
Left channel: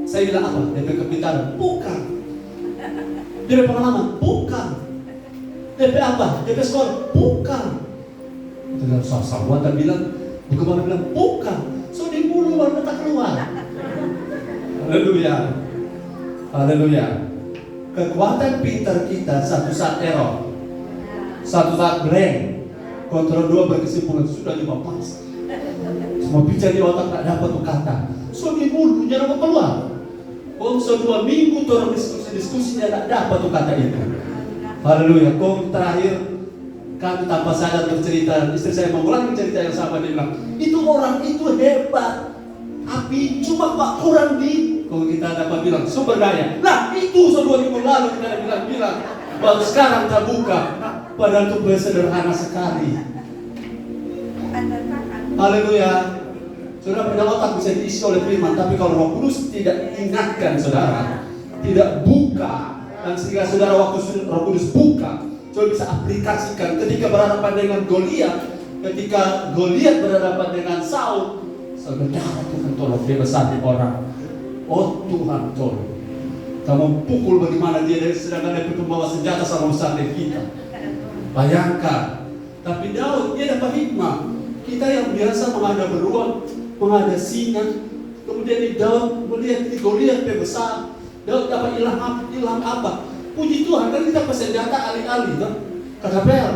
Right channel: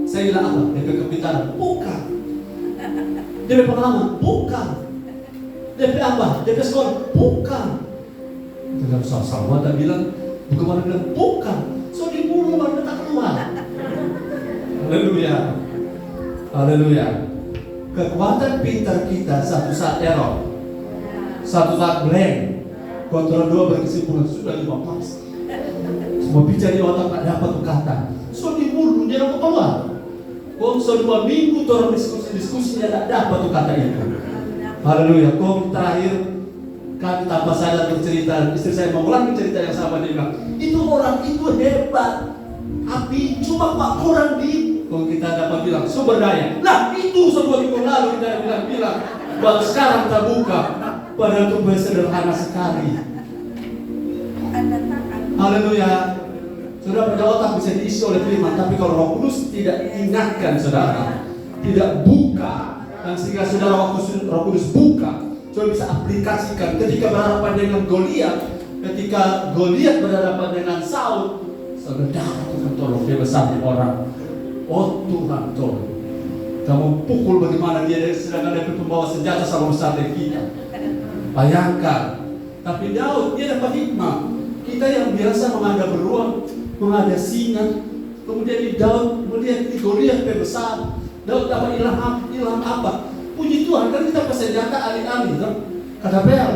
Saya bilang apa? DP kepintaran? Bukan. DP pengalaman? Bukan. DP apa? DP sekolah? Bukan. Dengan sahabat tak bilang, bukan bilang bukan. So di mulut baru tak keluar. Haleluya. Haleluya. Kekuatan pintar kita satu saat error, satu saat blank, kontrol 2 berkesimpulan sudah 15. Semua bicara di otak tak dapat berkata. So di mulut jangan keluar. Kau selama 2 minggu orang diskusi tidak dapat berkata itu. Haleluya. Kau terakhir kami tanpa sadar bercerita, istri saya mau ulangi cerita yang sama, dia bilang, itu orang itu hebat, tapi cuma Pak kurang di, kalau kita dapat bilang sumber daya. Nah itu sebuah minggu lalu kita bilang baru sekarang terbuka, padahal itu sederhana sekali. Haleluya. Saudara, pada otak bisa diisi oleh firman, tapi kalau Roh Kudus tidak ingatkan saudara, tidak buka, dan sehingga saudara waktu Roh Kudus buka, saudara bisa aplikasikan ketika berhadapan dengan Goliat, ketika Goliat berhadapan dengan Saul, saudara Tuhan tolong dia besar orang. Oh Tuhan tolong, kamu pukul bagaimana dia sedangkan dia pembawa senjata sama besar dari kita. Bayangkan, tapi Daud dia dapat hikmah. Kita yang biasa menghadap beruang, menghadap singa, kemudian di Daud melihat di Goliat besar. Daud dapat ilham apa? Puji Tuhan, kan kita bersenjata alih-alih, kan? Kata Bel,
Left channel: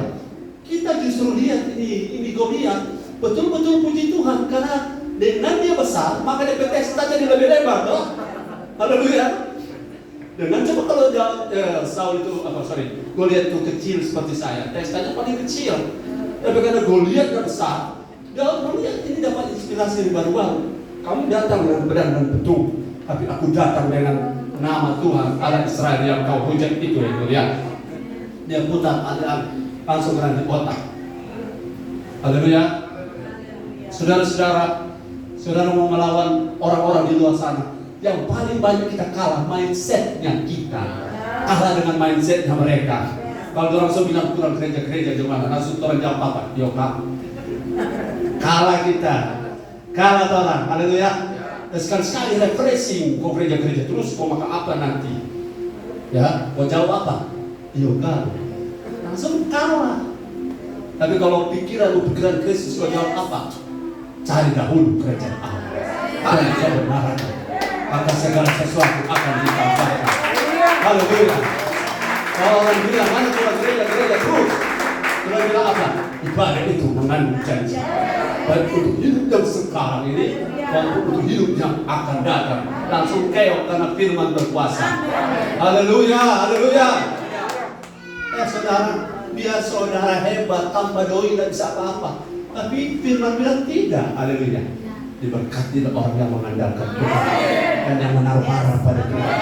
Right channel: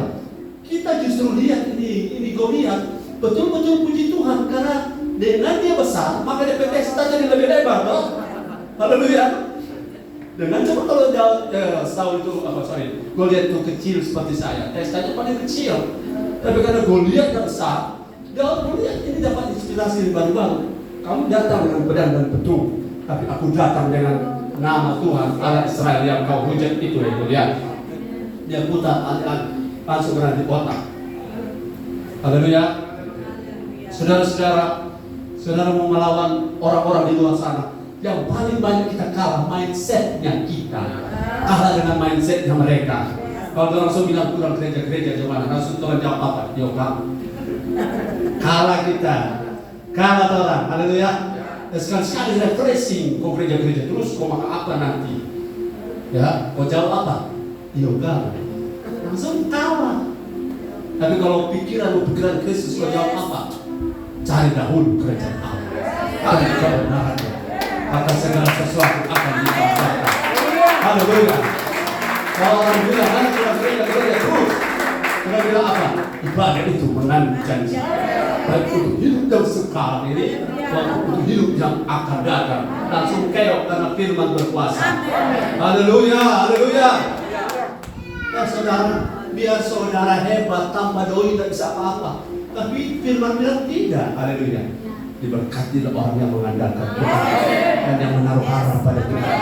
kita justru lihat ini Goliat, betul-betul puji Tuhan karena dengan dia besar, maka dia testanya jadi lebih lebar, toh? Haleluya. Dengan coba kalau Saul itu Goliat itu kecil seperti saya, testanya paling kecil. Tapi karena Goliat besar, Daud melihat ini dapat inspirasi baru-baru. Kamu datang dengan pedang dan pedang, tapi aku datang dengan nama Tuhan Allah Israel yang kau hujat itu ya Goliat. Dia putar langsung di otak. Haleluya. Saudara-saudara, saudara mau melawan orang-orang di luar sana, yang paling banyak kita kalah mindsetnya kita, kalah dengan mindsetnya mereka. Kalau orang langsung bilang kurang gereja gimana, langsung orang jawab apa? Yo kamu. Kalah kita, kalah orang. Haleluya. Dan sekali refreshing kau gereja terus kau makan apa nanti? Ya, kau jawab apa? Yo kamu. Langsung kalah. Tapi kalau pikiran Kristus kau jawab apa? Cari dahulu kerajaan Allah. Ada kebenarannya. Maka segala sesuatu akan ditambahkan. Haleluya. Kalau orang bilang, mana cuma gereja terus. Kita bilang apa? Ibadah itu mengandung janji. Baik untuk hidup yang sekarang ini, maupun untuk hidup yang akan datang. Langsung keok karena firman berkuasa. Haleluya, haleluya. Saudara, biar saudara hebat, tanpa doi tidak bisa apa-apa. Tapi firman bilang tidak. Haleluya. Diberkati orang yang mengandalkan Tuhan dan yang menaruh harap pada Tuhan.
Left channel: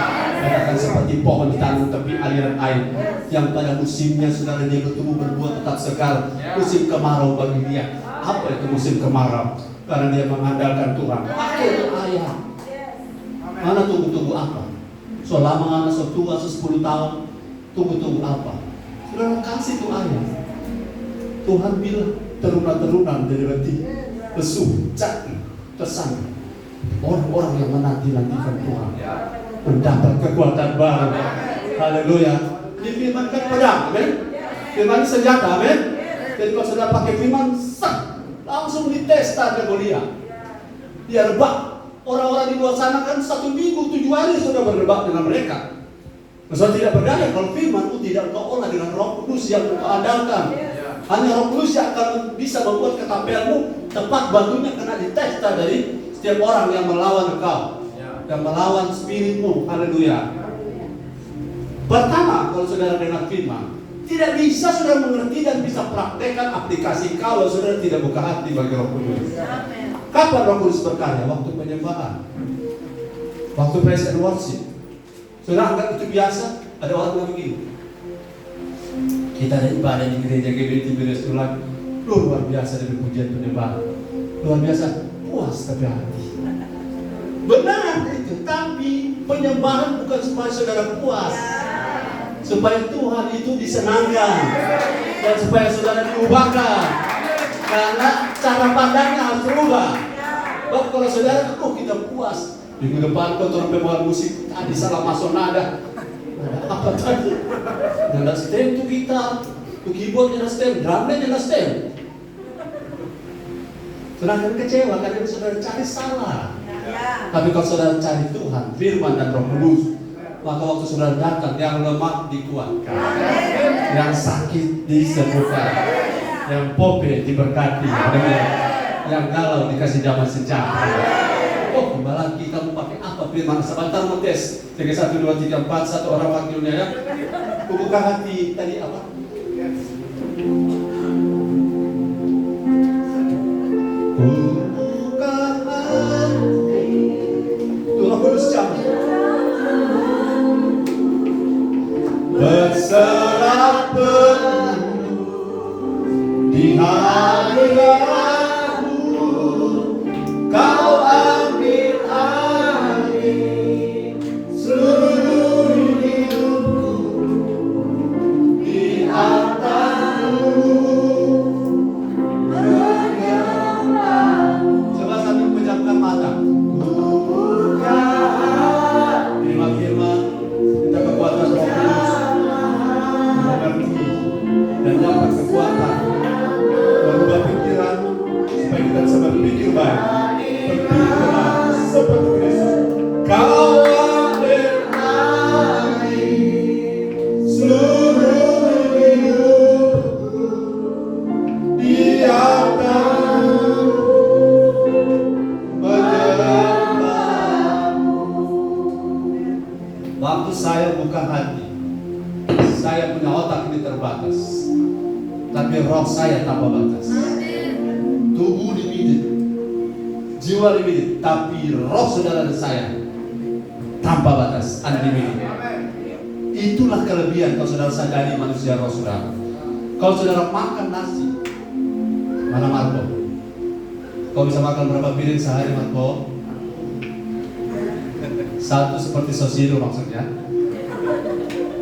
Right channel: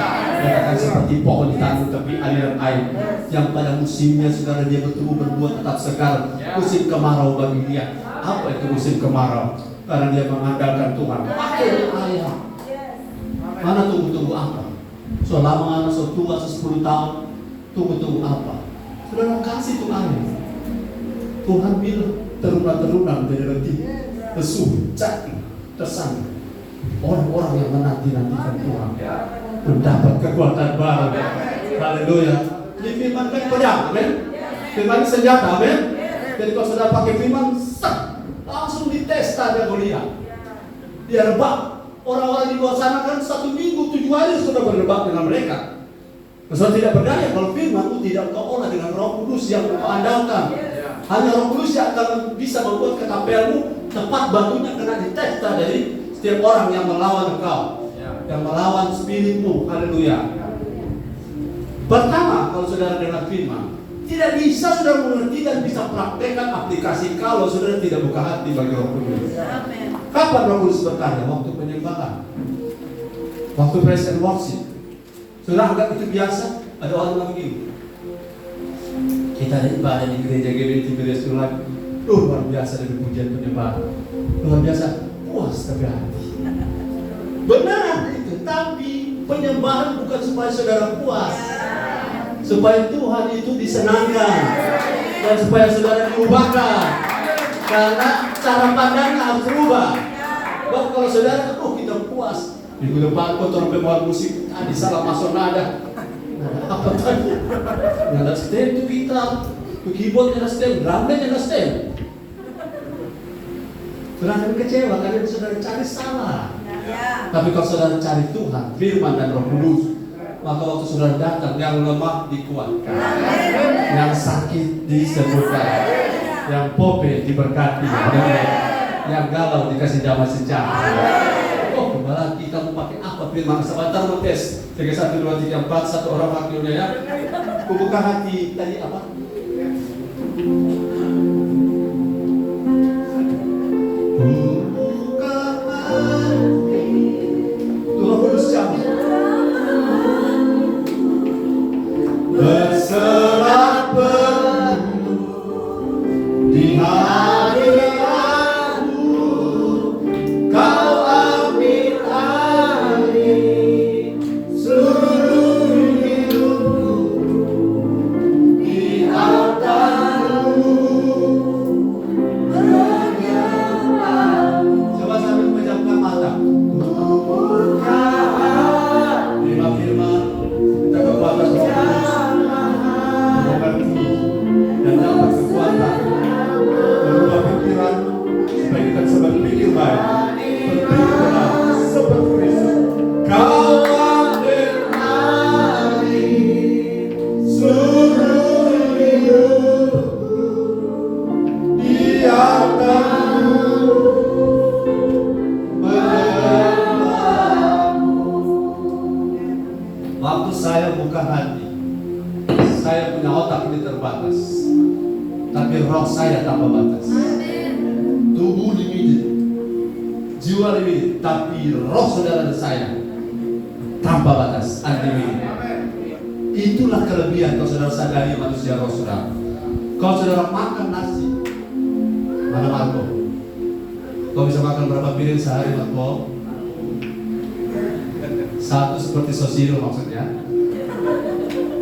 Katakan seperti pohon ditanam tepi aliran air yang pada musimnya saudara dia bertumbuh berbuah tetap sekar. Musim kemarau bagi dia. Apa itu musim kemarau? Karena dia mengandalkan Tuhan. Pakai ayam. Mana tunggu-tunggu apa? Selama setua 10 tahun tunggu-tunggu apa? Saudara kasih itu ayam. Tuhan bilang terunang-terunang dari letih, lesu, cakti, tersangka. Orang-orang yang menanti-nantikan Tuhan mendapat kekuatan baru. Haleluya. Di firman kan pedang, amen. Firman senjata, amen. Jadi kalau sudah pakai firman, langsung ditesta dia Goliat. Dia rebak. Orang-orang di luar sana kan 1 minggu 7 hari sudah berdebat dengan mereka. Maksudnya tidak berdaya kalau firman itu tidak kau olah dengan Roh Kudus yang kau andalkan. Hanya Roh Kudus yang akan bisa membuat ketapianmu tepat batunya kena ditesta dari setiap orang yang melawan engkau, yang melawan spiritmu. Haleluya. Pertama, kalau saudara dengar firman, tidak bisa saudara mengerti dan bisa praktekkan aplikasi kalau saudara tidak buka hati bagi Roh Kudus. Kapan Roh Kudus berkarya? Waktu penyembahan, waktu praise and worship. Saudara anggap itu biasa? Ada orang bilang begini, Kita ada ibadah di gereja GBI Tiberias Tulang, luar biasa dari pujian penyembah, luar biasa, puas tapi hati. Benar itu, tapi penyembahan bukan supaya saudara puas, supaya Tuhan itu disenangkan dan supaya saudara diubahkan. Karena cara pandangnya harus berubah. Kalau saudara, kita puas. Minggu depan kotor pembawa musik tadi salah masuk nada. Apa tadi? Nada stem itu gitar, itu keyboard nada stem, drumnya nada stem. Saudara akan kecewa karena saudara cari salah. Tapi kalau saudara cari Tuhan, firman dan Roh Kudus, maka waktu saudara datang, yang lemah dikuatkan, yang sakit disembuhkan, yang pope diberkati, yang galau dikasih damai sejahtera. Oh, kembali kita mau pakai apa firman? Sebentar mau tes. 3, 1, 2, 3, 4, satu orang wakilnya ya. Buka hati tadi apa? Buka hati. Tuhan Kudus jawab. Berserah penuh di hadiratmu, kau ambil alih seluruh hidupku di altarmu. Coba sambil pejamkan mata. Buka firman, kita kekuatan Roh Kudus mengerti dan dapat kekuatan merubah pikiran supaya kita bisa berpikir baik, berpikir benar seperti Kristus. Kau ambil alih seluruh hidupku di altarmu, menyembahmu. Waktu saya buka hati, saya punya otak ini terbatas, tapi roh saya tanpa batas. Tubuh limited, jiwa limited, tapi roh saudara dan saya tanpa batas, unlimited. Itulah kelebihan kalau saudara sadari manusia roh saudara. Kalau saudara makan nasi, mana Marco? Kau bisa makan berapa piring sehari Marco? 1 seperti sosido maksudnya.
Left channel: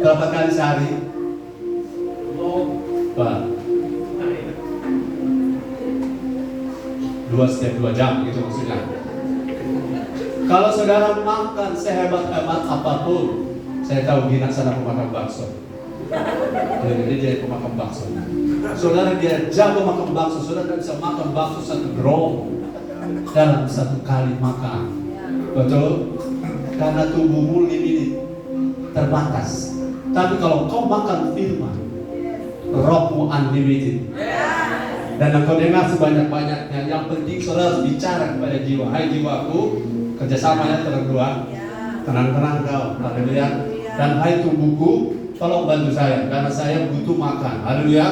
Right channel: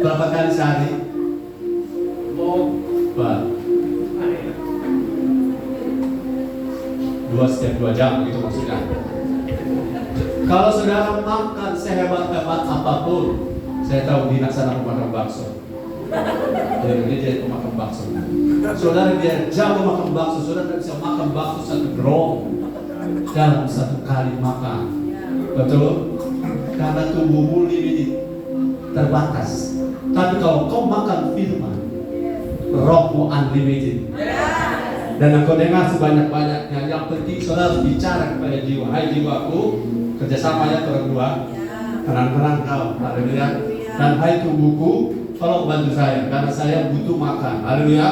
Berapa kali sehari? 2 setiap 2 jam gitu maksudnya. Kalau saudara makan sehebat-hebat apapun, saya tahu di sana pemakan bakso. Jadi dia pemakan bakso. Saudara dia jago makan bakso, saudara bisa makan bakso 1 drum dalam 1 kali makan. Betul? Karena tubuhmu limited, terbatas. Tapi kalau kau makan firman, rohmu unlimited. Dan engkau dengar sebanyak-banyaknya. Yang penting saudara harus bicara kepada jiwa. Hai jiwaku, kerjasama ya berdua. Tenang-tenang kau, haleluya. Dan hai tubuhku, tolong bantu saya karena saya butuh makan, haleluya.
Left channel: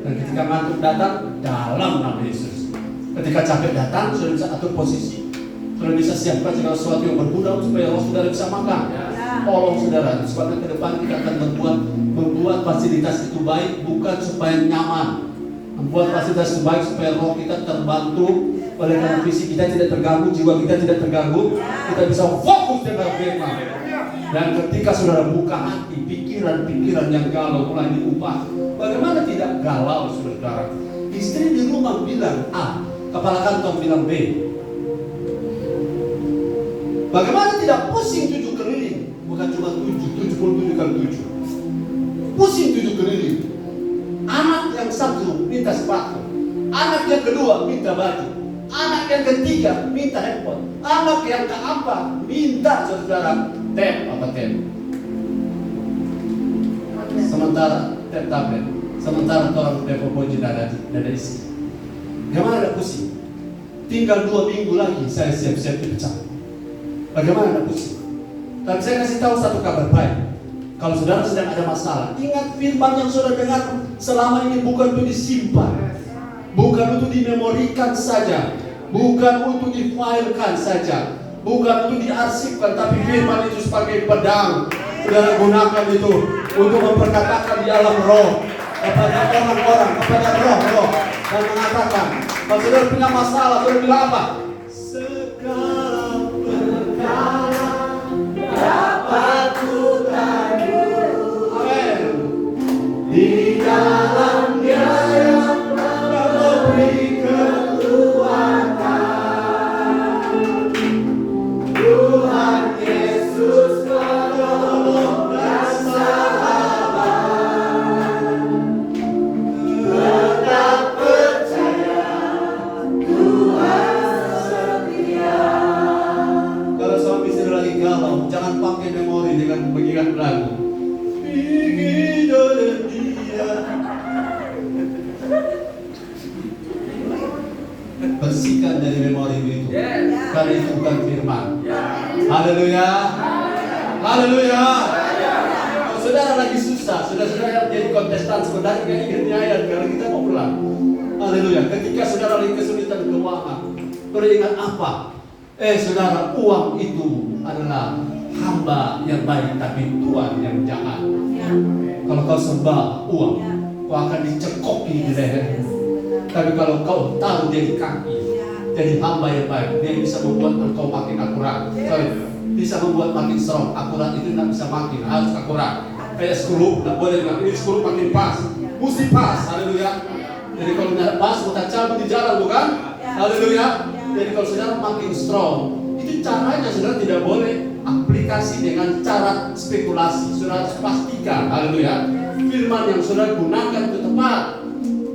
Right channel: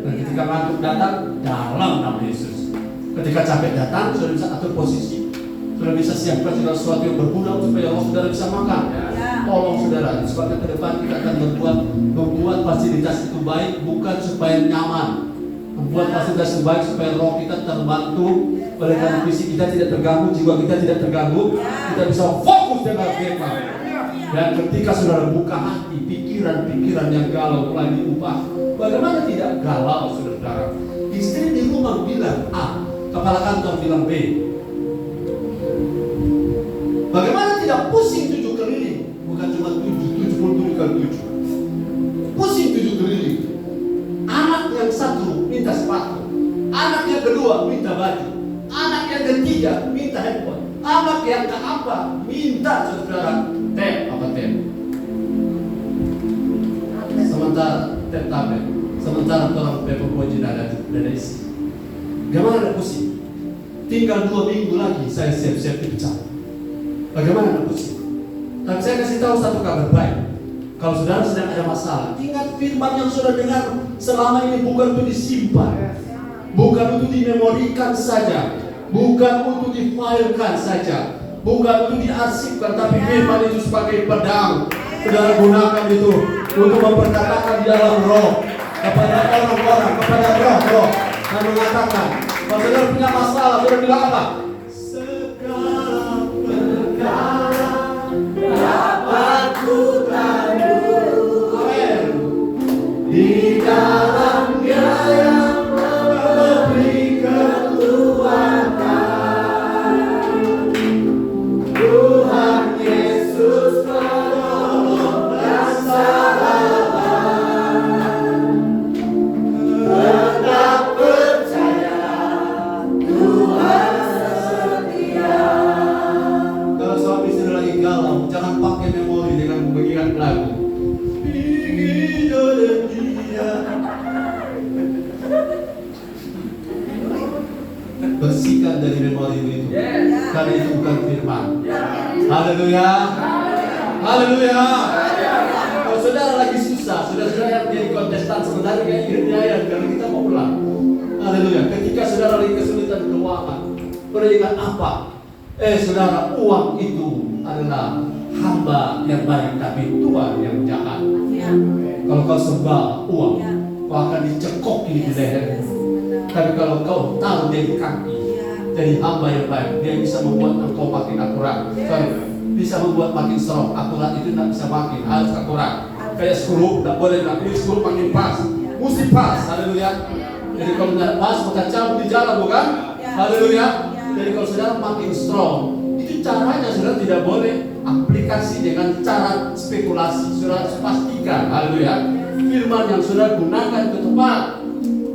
Dan ketika ngantuk datang, dalam nama Yesus. Ketika capek datang, saudara bisa atur posisi. Saudara bisa siapkan segala sesuatu yang berguna supaya saudara bisa makan. Tolong saudara, sebab ke depan kita akan membuat fasilitas itu baik, bukan supaya nyaman. Membuat fasilitas baik supaya roh kita terbantu, oleh karena fisik kita tidak terganggu, jiwa kita tidak terganggu, kita bisa fokus dengan firman. Dan ketika saudara buka hati, pikiran-pikiran yang galau mulai diubah. Bagaimana tidak galau saudara? Istri di rumah bilang A, kepala kantor bilang B. Bagaimana tidak pusing 7 keliling? Bukan cuma 77 kali 7. Pusing 7 keliling. Anak yang 1 minta sepatu, anak yang kedua minta baju, anak yang ketiga minta handphone, anak yang keempat minta saudara tab. Sementara tab tablet, sementara orang pepopoji dari isi. Bagaimana ada pusing? Tinggal 2 minggu lagi saya siap-siap dipecat. Bagaimana ada pusing? Tapi saya kasih tahu satu kabar baik. Kalau saudara sedang ada masalah, ingat firman yang saudara dengar selama ini bukan untuk disimpan, bukan untuk dimemorikan saja, bukan untuk difilekan saja, bukan untuk diarsipkan, tapi firman itu sebagai pedang. Saudara gunakan itu untuk memperkatakan di dalam roh. kepada orang-orang, kepada roh-roh dan mengatakan, kalau saudara punya masalah, saudara bilang apa? Segala perkara dapat ku tanggung. Amin. Di dalam Dia yang memberi kekuatan, Tuhan Yesus menolong dan selamat. Tetap percaya, Tuhan setia. Kalau suami istri lagi galau, jangan pakai memori dengan mengingat lagu. Ingin oleh Dia. Bersihkan dari memori itu. Karena itu bukan firman. Haleluya. Haleluya. Kalau saudara lagi susah, saudara jadi kontestan sebenarnya kayak Ingrid ayat karena kita mau pulang. Haleluya. Ketika saudara lagi kesulitan keuangan, beringat apa? Saudara, uang itu adalah hamba yang baik tapi Tuhan yang jahat. Kalau kau sembah uang, kau akan dicekoki di leher. Tapi kalau kau tahu dari kaki, jadi hamba yang baik, dia bisa membuat engkau makin akurat. Bisa membuat makin strong. Akurat itu tidak bisa makin, harus akurat. Kayak skrup, tidak boleh makin skrup makin pas. Mesti pas, haleluya. Jadi kalau tidak pas, kita cabut di jalan, bukan? Haleluya. Jadi kalau saudara makin strong, itu caranya saudara tidak boleh aplikasi dengan cara spekulasi. Saudara harus pastikan, haleluya, firman yang saudara gunakan itu tepat.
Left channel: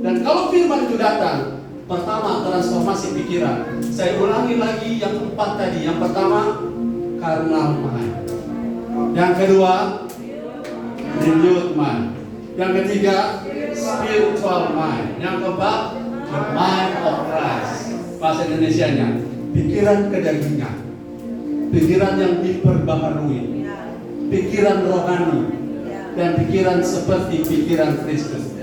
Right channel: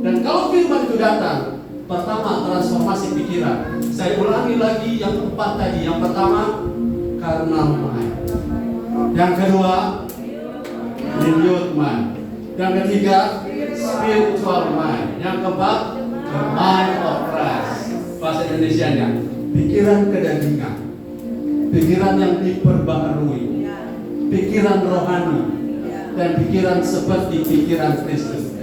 Dan kalau firman itu datang, pertama transformasi pikiran. Saya ulangi lagi yang keempat tadi. Yang pertama, carnal mind. Yang kedua, renewed mind. Yang ketiga, spiritual mind. Yang keempat, the mind of Christ. Bahasa Indonesianya, pikiran kedagingan, pikiran yang diperbaharui, pikiran rohani, dan pikiran seperti pikiran Kristus.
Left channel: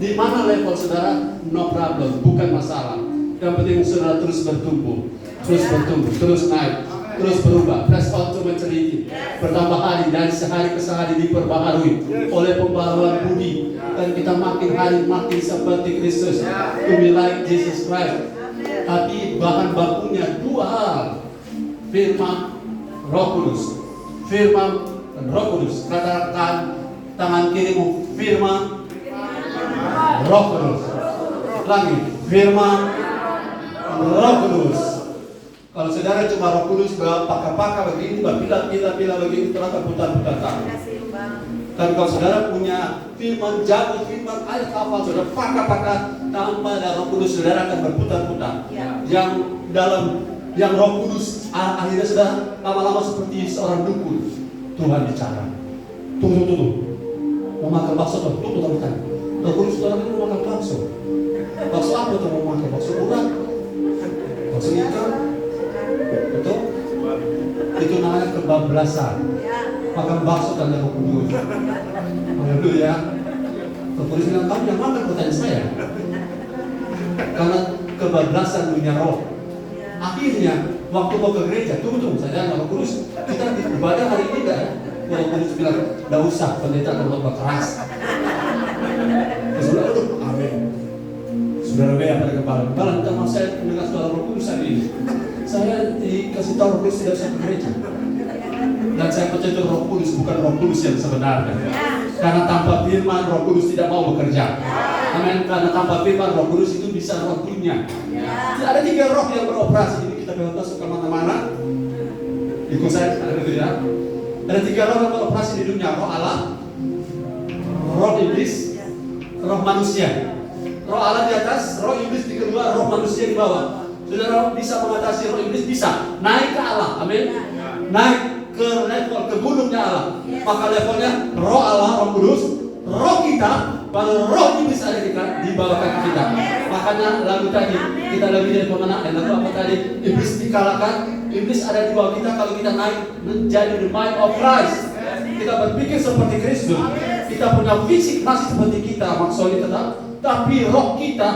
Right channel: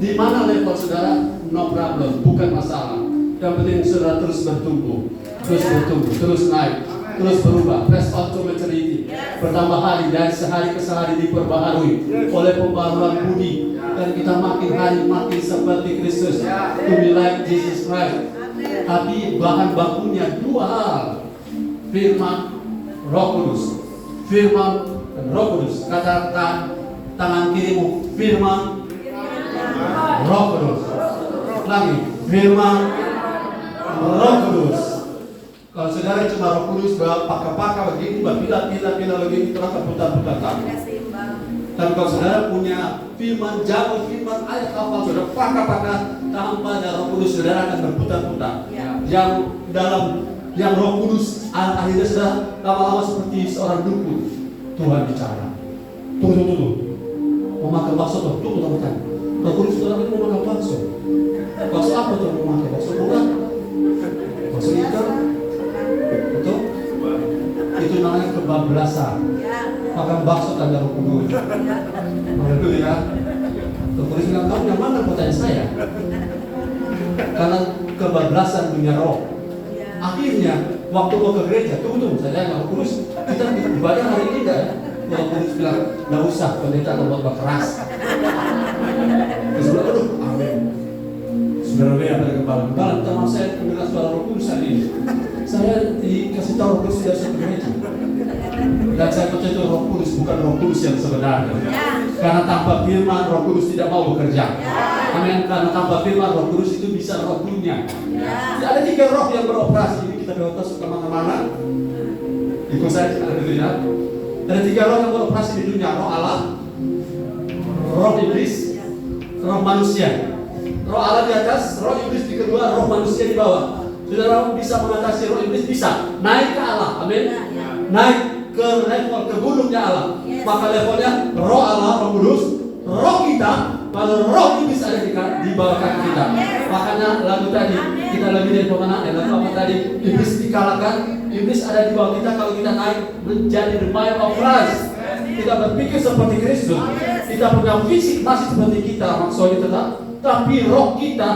Di mana level saudara? No problem, bukan masalah. Yang penting saudara terus bertumbuh, terus naik, terus berubah. Press on to maturity. Bertambah hari dari sehari ke sehari diperbaharui oleh pembaharuan budi, dan kita makin hari makin seperti Kristus. To be like Jesus Christ. Tapi bahan bakunya dua hal: firman, Roh Kudus. Firman dan Roh Kudus. Katakan tangan kirimu, firman, Roh Kudus. Lagi, firman, Roh Kudus. Kalau saudara cuma Roh Kudus, pakai begini, bila begini, terus putar-putar tangan. Dan kalau saudara punya firman, jago firman, ayat hafal, saudara pakai tanpa ada Roh Kudus, saudara akan berputar-putar. Yang dalam, yang Roh Kudus, akhirnya saudara lama-lama seperti seorang dukun. Tuhan bicara, tuh, mau makan bakso tuh, teman-teman. Roh Kudus saudara itu mau makan bakso. Bakso apa tuh mau makan? Bakso urang, bakso hijau, betul? Itu namanya kebablasan. Makan bakso kan Roh Kudus. Haleluya. Roh Kudus bilang, kamu yang makan pertanyaan saya. Karena kebablasan dunia roh. Akhirnya waktu mau ke gereja, tunggu saya Roh Kudus, kita ibadah hari ini enggak ya? Roh Kudus bilang, enggak usah, pendeta akan berbuat keras. Saudara, amin. Saudara lihat pada kepala, malam teman saya mendengar suara Roh Kudus hari ini. Saya dikasih tahu Roh Kudus tidak usah ke gereja. Dan saya percaya itu Roh Kudus, bukan Roh Kudus yang sebenarnya. Karena tanpa firman Roh Kudus tidak mau bekerja. Amin. Karena tanpa firman Roh Kudus itu bisa roh dunia. Ada 3 roh yang beroperasi. Jadi kita masuk kemana-mana. Ikut saya, haleluya. Ada 3 roh yang beroperasi di dunia: roh Allah, roh iblis, roh manusia. Roh Allah di atas, roh iblis di kedua, roh manusia di bawah. Saudara bisa mengatasi roh iblis, bisa naik ke Allah. Amin. Naik ke level, ke gunungnya Allah. Maka levelnya roh Allah, Roh Kudus, roh kita. Kalau roh iblis ada di bawah kaki kita. Makanya lagu tadi kita lagi dari pemenang. Lagu apa tadi? Iblis dikalahkan. Iblis ada di bawah kita kalau kita naik menjadi the mind of Christ. Kita berpikir seperti Kristus. Kita punya fisik masih seperti kita, maksudnya tetap. Tapi roh kita,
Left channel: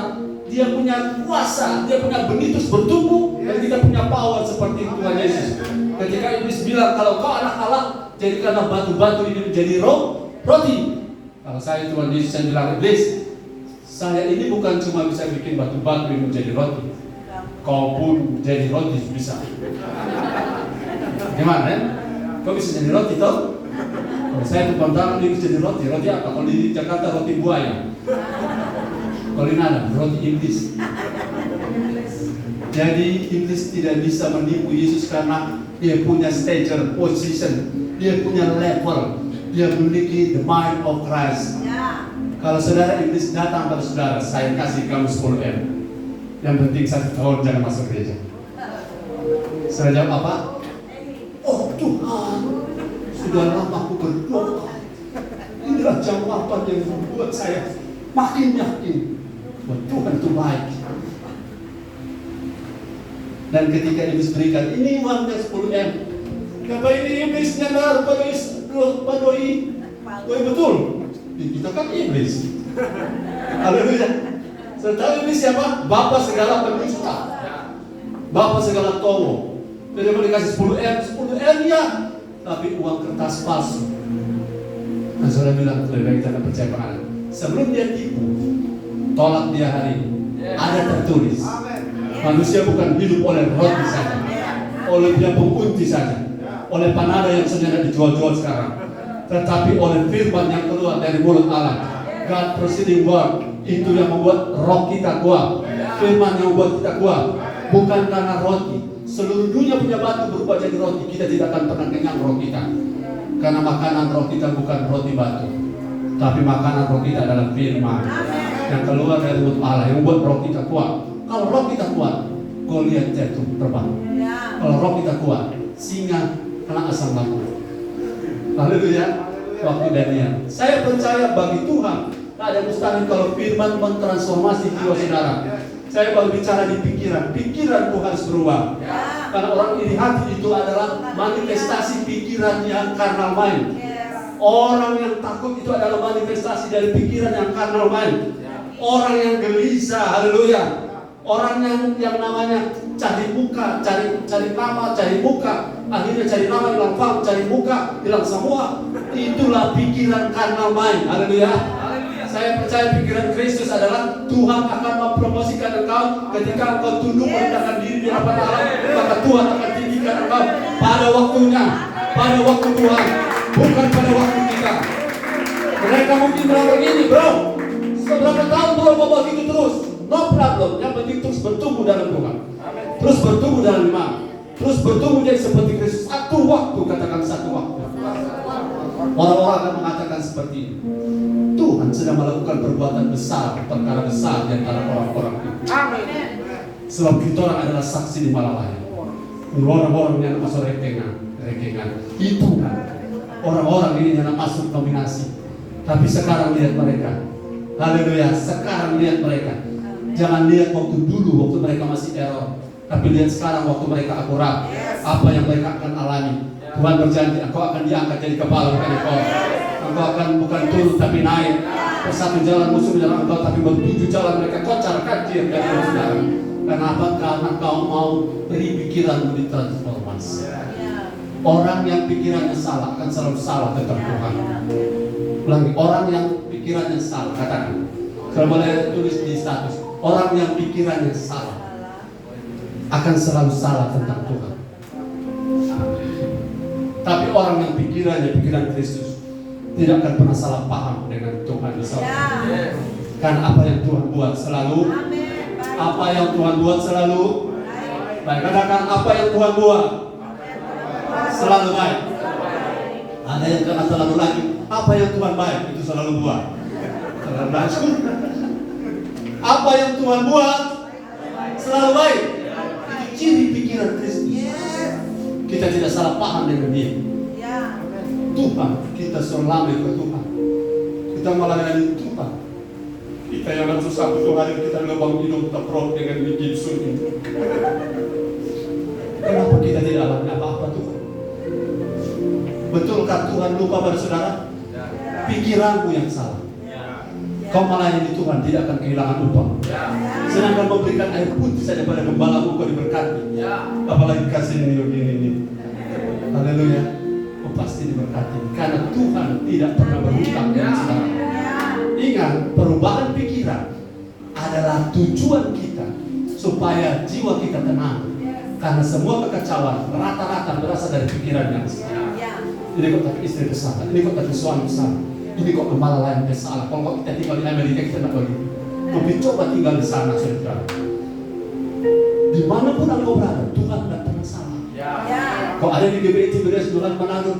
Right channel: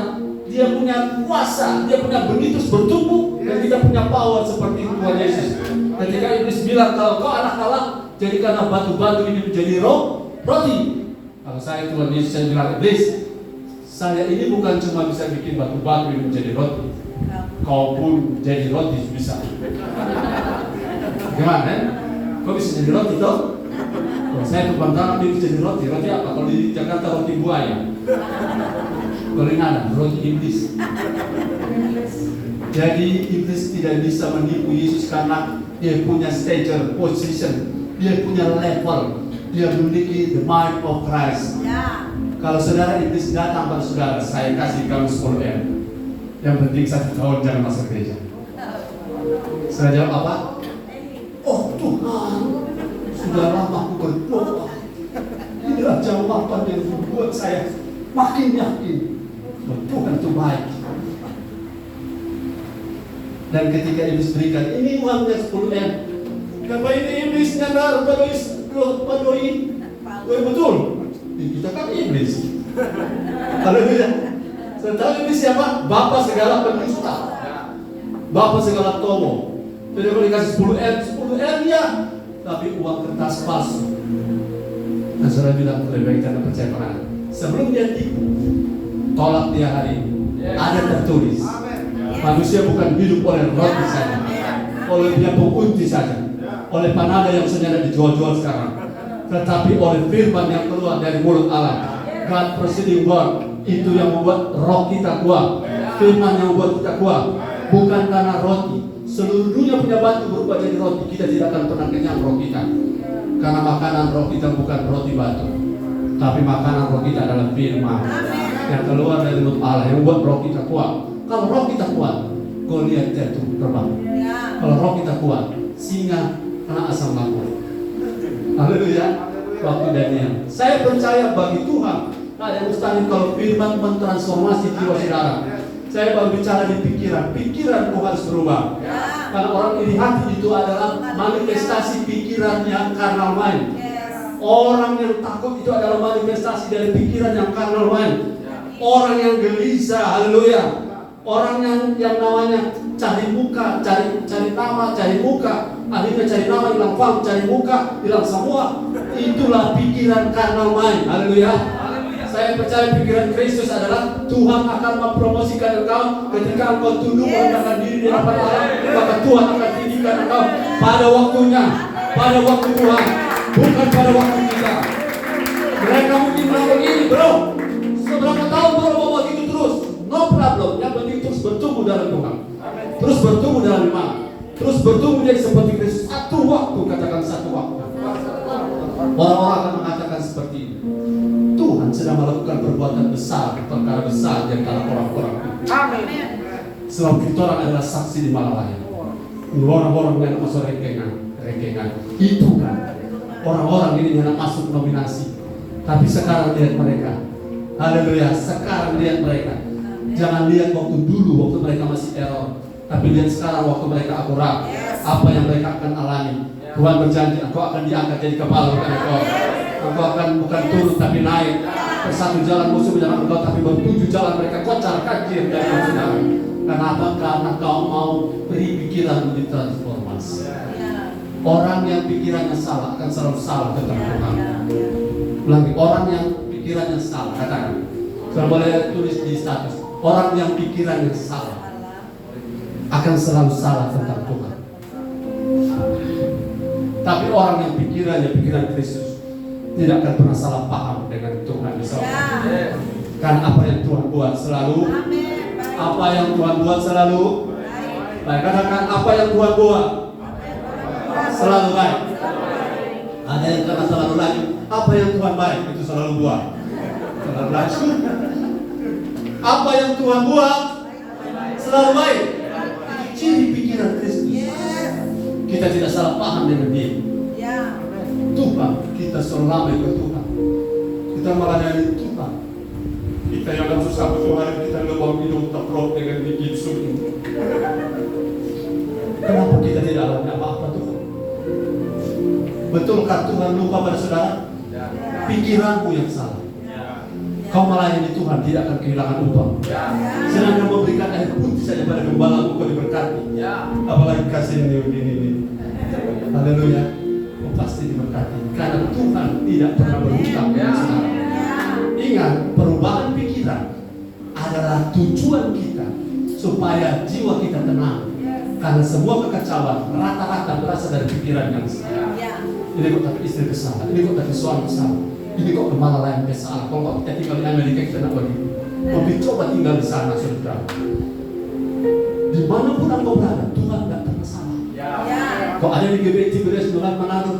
dia punya kuasa, dia punya benitus bertumbuh, dan kita punya power seperti Tuhan Yesus. Ketika iblis bilang, kalau kau anak Allah, jadikanlah batu-batu ini menjadi roti. Kalau saya cuma Yesus, saya bilang, iblis, saya ini bukan cuma bisa bikin batu-batu ini menjadi roti. Kau pun jadi roti bisa. Gimana ya? Kau bisa jadi roti toh? Kalau saya terbantang dia bisa jadi roti. Roti apa? Kalau di Jakarta roti buaya. Kalau ini ada roti iblis. Jadi iblis tidak bisa menipu Yesus karena dia punya stature, position, dia punya level, dia memiliki the mind of Christ. Kalau saudara iblis datang pada saudara, saya kasih kamu 10M. Yang penting 1 tahun jangan masuk gereja. Saya jawab apa? Oh Tuhan, sudah lama aku berdoa. Inilah jawaban yang membuat saya makin yakin bahwa Tuhan itu baik. Dan ketika iblis berikan, ini uangnya 10M. Kata ini iblisnya padoi. Betul. Kita kan iblis. Haleluya. Tahu iblis siapa? Bapa segala pendusta. Bapa segala tomo. Jadi boleh kasih 10M ya. Tapi uang kertas palsu. Dan saudara bilang lebih baik kita percaya pada. Sebelum dia tipu, tolak dia hari ini. Ada tertulis. Manusia bukan hidup oleh roti saja, oleh dia pengunti saja, oleh panada yang saudara dijual-jual sekarang, tetapi oleh firman yang keluar dari mulut Allah. God proceeding word itu yang membuat roh kita kuat. Firman yang membuat kita kuat, bukan karena roti. Seluruh dunia punya batu berubah jadi roti, kita tidak akan pernah kenyang roh kita. Karena makanan roh kita bukan roti batu, tapi makanan roh kita adalah firman yang keluar dari mulut Allah yang membuat roh kita kuat. Kalau roh kita kuat, Goliat jatuh terbang. Kalau roh kita kuat, singa kena asam lambung. Haleluya. Waktu Daniel. Saya percaya bagi Tuhan ada mustahil kalau firman mentransformasi jiwa saudara. Saya baru bicara di pikiran. Pikiran itu harus berubah. Karena orang iri hati itu adalah manifestasi pikiran yang carnal mind. Orang yang takut itu adalah manifestasi dari pikiran yang carnal mind. Orang yang gelisah, haleluya. Orang yang namanya cari muka, cari nama, cari muka, akhirnya cari nama hilang fam, cari muka hilang semua. Itulah pikiran carnal mind. Haleluya. Saya percaya pikiran Kristus adalah Tuhan akan mempromosikan engkau ketika engkau tunduk merendahkan diri di hadapan Allah, maka Tuhan akan tinggikan engkau pada waktunya, pada waktu Tuhan, bukan pada waktu kita. Mereka mungkin bilang begini, bro, seberapa tahun Tuhan mau begitu terus? No problem, yang penting terus bertumbuh dalam Tuhan, terus bertumbuh dalam iman, terus bertumbuh jadi seperti Kristus. Satu waktu, katakan satu waktu. Orang-orang akan mengatakan seperti ini. Tuhan sedang melakukan perbuatan besar, perkara besar di antara orang-orang. Amin. Sebab kita orang adalah saksi di malam hari. Orang-orang yang masuk rekengan. Itu kan orang-orang ini yang masuk nominasi. Tapi sekarang lihat mereka. Haleluya. Sekarang lihat mereka. Jangan lihat waktu dulu, waktu mereka masih error. Tapi lihat sekarang waktu mereka akurat. Apa yang mereka akan alami. Tuhan berjanji, engkau akan diangkat jadi kepala bukan ekor. Engkau akan bukan turun tapi naik. Bersatu jalan musuh menyerang engkau, tapi bertujuh jalan mereka kocar kacir dari saudara. Kenapa? Karena kau mau beri pikiran ditransformasi. Orang yang pikirannya salah akan selalu salah tentang Tuhan. Ulangi, orang yang pikirannya salah, katakan. Saya boleh tulis di status. Orang yang pikirannya salah akan selalu salah tentang Tuhan. Tapi orang yang pikiran Kristus tidak akan pernah salah paham dengan Tuhan bersama. Karena apa yang Tuhan buat selalu, apa yang Tuhan buat selalu. Nah, katakan apa yang Tuhan buat selalu baik. Ada yang kata selalu lagi, apa yang Tuhan baik itu selalu buat. Selalu baik. Apa yang Tuhan buat selalu baik. Itu ciri pikiran Kristus. Kita tidak salah paham dengan dia. Tuhan, kita selama itu Tuhan. Kita melayani Tuhan. Kita yang akan susah butuh hari kita lubang hidung terprok dengan gigi sunyi. Kenapa kita tidak alami apa-apa Tuhan? Betulkah Tuhan lupa pada saudara? Pikiranmu yang salah. Kau melayani Tuhan tidak akan kehilangan upah. Sedangkan memberikan air putih saja pada gembala kau diberkati. Apalagi kasih ini. Haleluya. Kau pasti diberkati. Karena Tuhan tidak pernah berhutang dengan saudara. tujuan kita supaya jiwa kita tenang. Karena semua kekacauan rata-rata berasal dari pikiran yang salah. Ini kok tak istri bersalah, ini kok tak suami bersalah, ini kok kepala lain bersalah. Kalau kita tinggal di Amerika kita tidak begitu. Tapi coba tinggal di sana, saudara. Dimanapun engkau berada, Tuhan tidak pernah salah. Kok ada di GBI Tiberias Bulan Manado,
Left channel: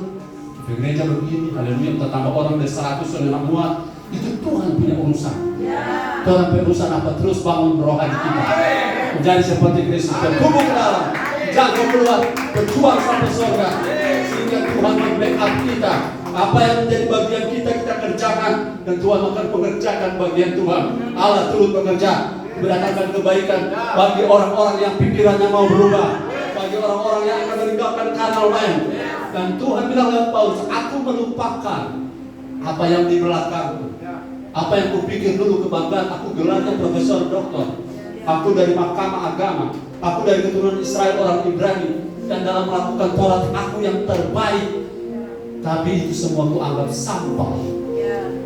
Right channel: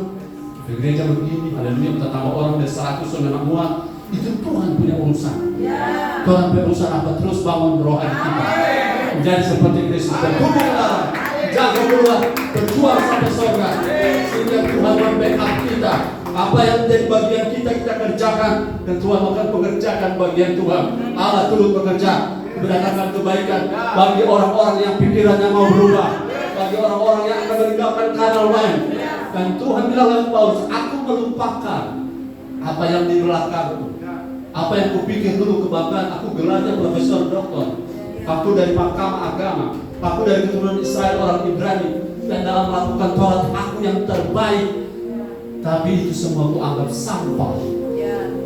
di gereja begini, ada minta tambah orang dari 100 orang muat, itu Tuhan punya urusan. Tuhan punya urusan apa? Terus bangun rohani kita. Menjadi seperti Kristus. Bertumbuhlah, jaga keluar, berjuang sampai surga. Sehingga Tuhan membackup kita. Apa yang menjadi bagian kita kerjakan, dan Tuhan akan mengerjakan bagian Tuhan. Allah turut bekerja, mendatangkan kebaikan bagi orang-orang yang pikirannya mau berubah, bagi orang-orang yang akan meninggalkan kanal lain. Dan Tuhan bilang oleh Paulus, aku melupakan apa yang di belakangku, apa yang kupikir dulu kebanggaan. Aku gelarnya profesor doktor, aku dari mahkamah agama, aku dari keturunan Israel orang Ibrani, dan dalam melakukan Taurat aku yang terbaik. Tapi itu semua aku anggap sampah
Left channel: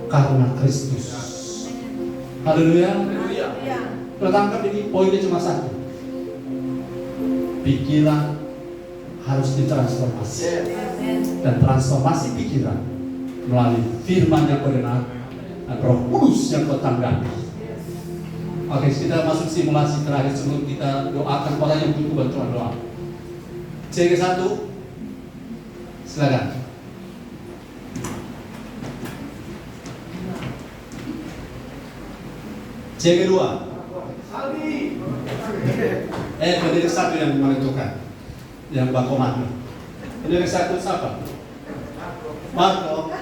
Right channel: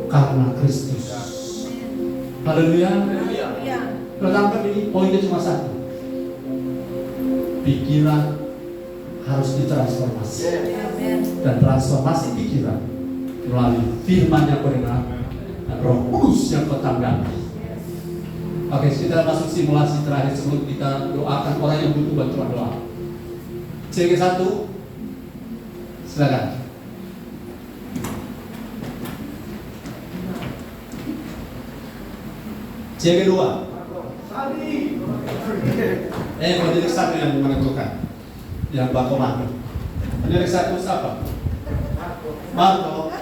karena Kristus. Haleluya. Pertama ini poinnya cuma satu. Pikiran harus ditransformasi. Dan transformasi pikiran melalui firman yang benar dan Roh Kudus yang kau tanggapi. Oke, kita masuk simulasi terakhir sebelum kita doakan orang yang butuh bantuan doa. CG1, silakan. CG2. Pendidik satu yang menentukan, yang baku mati. Pendidik satu siapa? Marco.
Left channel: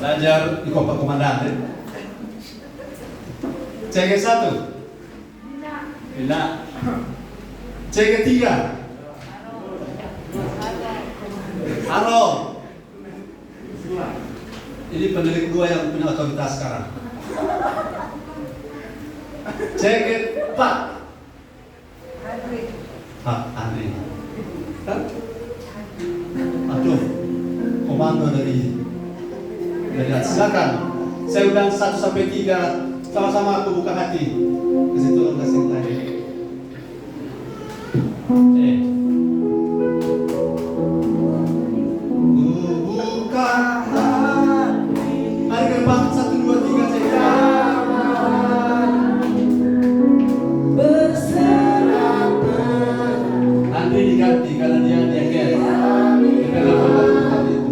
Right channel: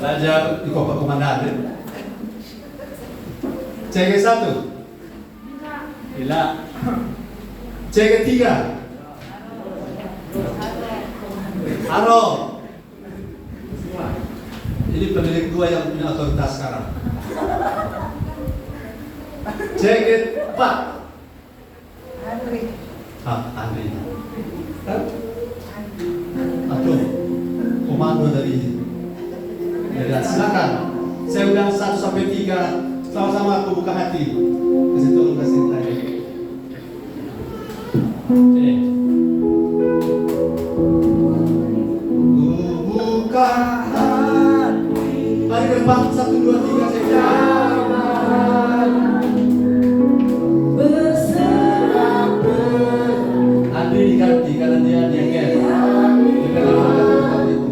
Belajar di Kota Komandan. CG1. Bila. CG3. Halo. Ini pendidik dua yang punya otoritas sekarang. CG4. Andri. Kan? Aduh, komando dari silakan. Saya undang 1 sampai 3. Sama-sama aku buka hati. Ke situ kasih tadi. Buka hati. Mari ke depan 1, 2, 3 saya. Andri diganti karena dia guys. Dia pegang obat itu.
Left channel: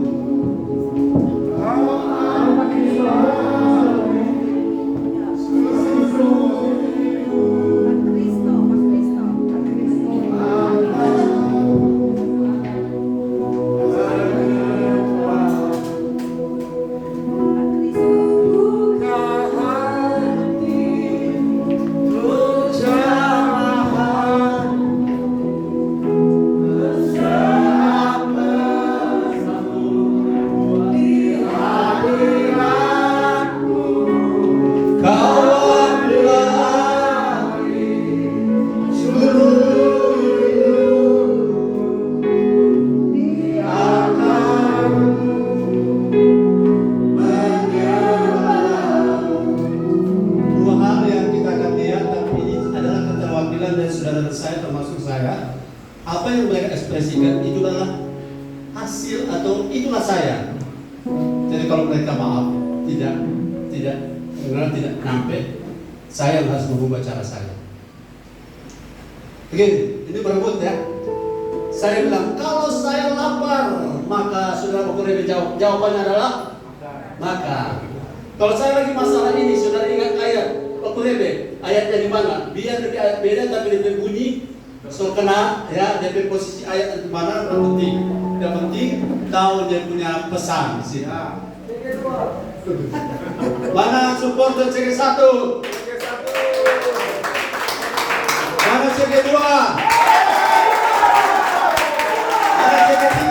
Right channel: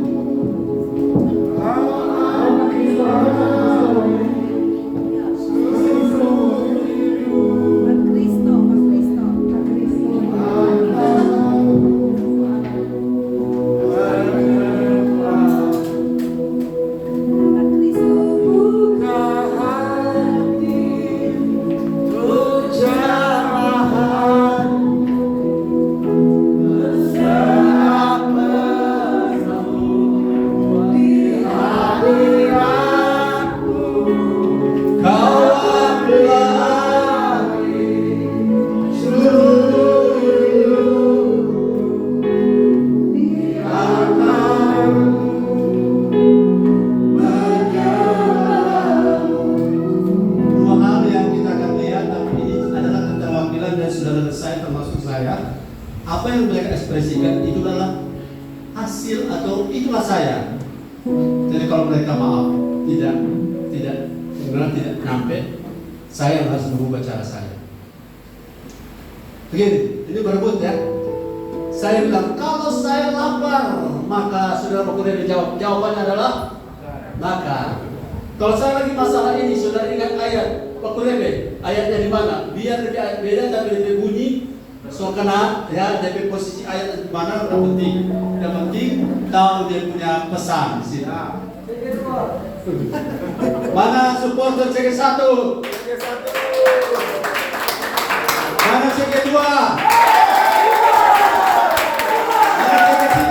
Begini, ini berebut ya. Saya bilang, kalau saya lapar, maka saudara Pak jawab. Jawabannya adalah maka. Kalau saya lagi masalah ini, saudara ingat ayat Pak Rebe, ayatnya di mana? Biar lebih beda tapi lebih bunyi. So kena ya, jadi posisi ayat di mana tidak penting. Yang penting tahu dia punya pesan di sini. Mana supporter CG1? Mana CG2? Mana CG3?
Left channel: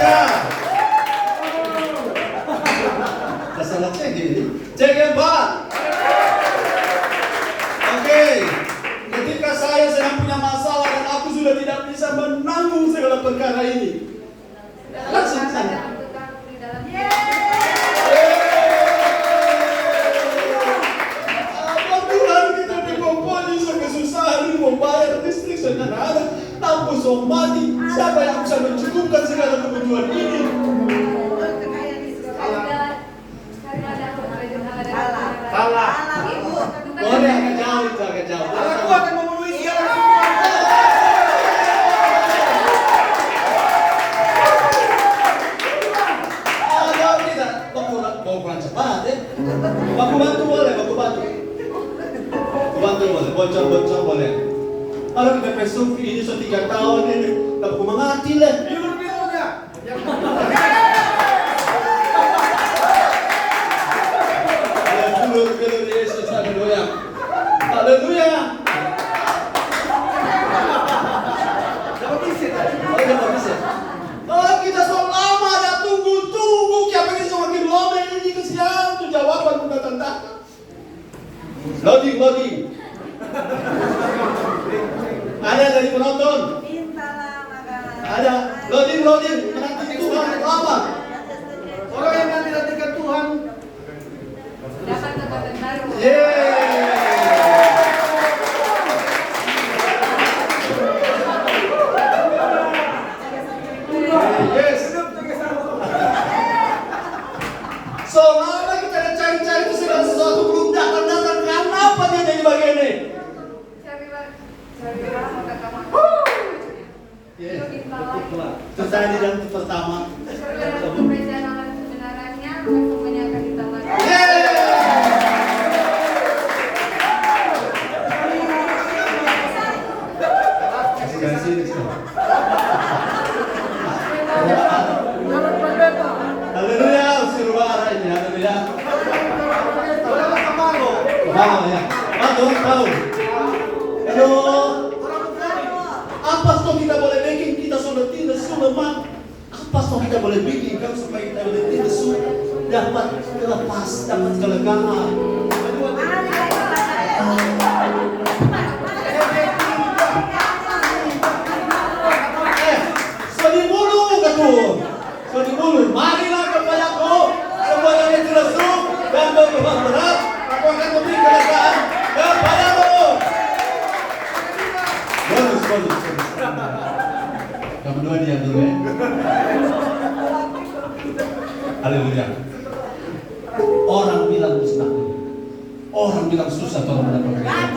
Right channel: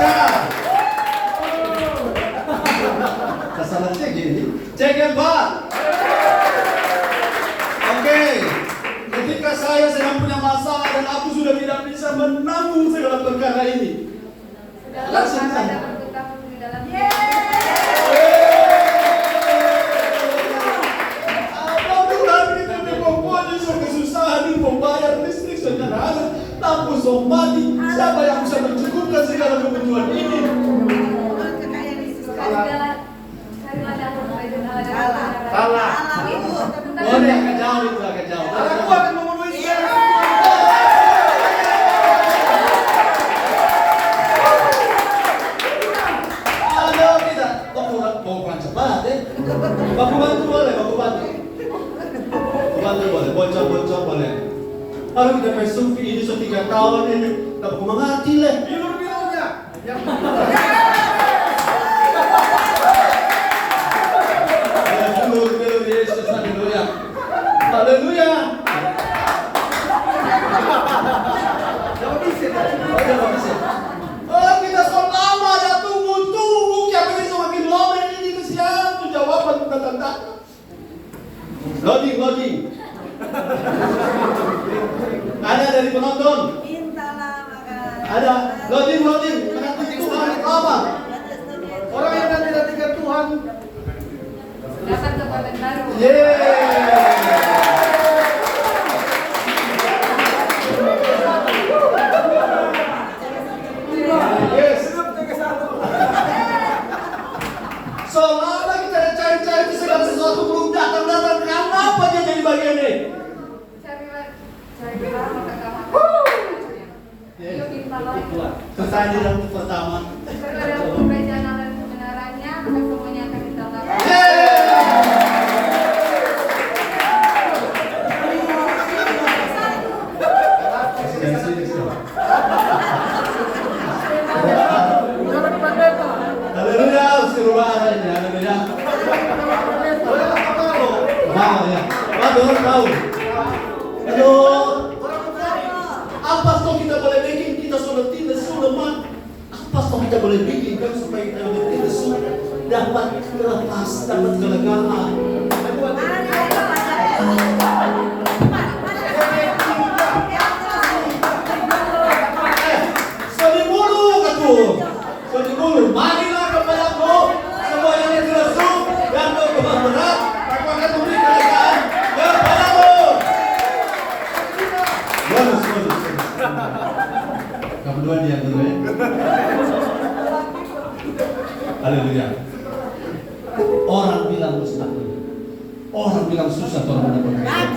Kesalahan CG ini. CG4. Oke. Ketika saya sedang punya masalah dan aku sudah tidak bisa menanggung segala perkara ini, langsung semua mati. Siapa yang bisa mencukupkan segala kebutuhan ini? Salah. Boleh agak jauh itu, agak jauh. Aku akan memenuhi segala Ada tidak? Baku kurang cepat ya. Baku bantu boleh, baku bantu. Bantu boleh, bocor boleh. Kalau kita pesuk ini sudah 3 tahun ini, baku mengati lah. biru-birunya. Belum Yesus, haleluya. Haleluya. Dapat bisa tadi. Dapat bisa. Oh, kita sudah lama dah tunggu. Siapa ini semakin lama ini kesian tuh jawaban bukan tentang. Loading. Ada dari penonton. Ada loading. Menanti Tuhan lama. Orang yang nanti-nantikan Tuhan Datang ke kota baru. Yes. Selama kita cari-cari itu segala sesuatu belum datang. Kenapa dia jadi bagian ini? Cari lama ke kamar. Itu timbang lagi. Pertanyaan yang pertama. Berbeda jalan kebenarannya, maka semuanya akan ditambahkan. Haleluya, usiruahnya, haleluya. Ya. Tahu. Halo. Apa toh kita boleh bikin? Kita sudah tidak lemah. Apa toh kita boleh bikin kan supaya kita tidak dapat terlepas, dapat kelegaan. Sorry dulu, marilah kepadaku semua yang tidak suka dan beban berat, aku akan memberi kelegaan kepadamu. Bagus. Kamu dua dia dulu ya. Haleluya. Orang bilang mustahil, orang bilang susah kalau mendapat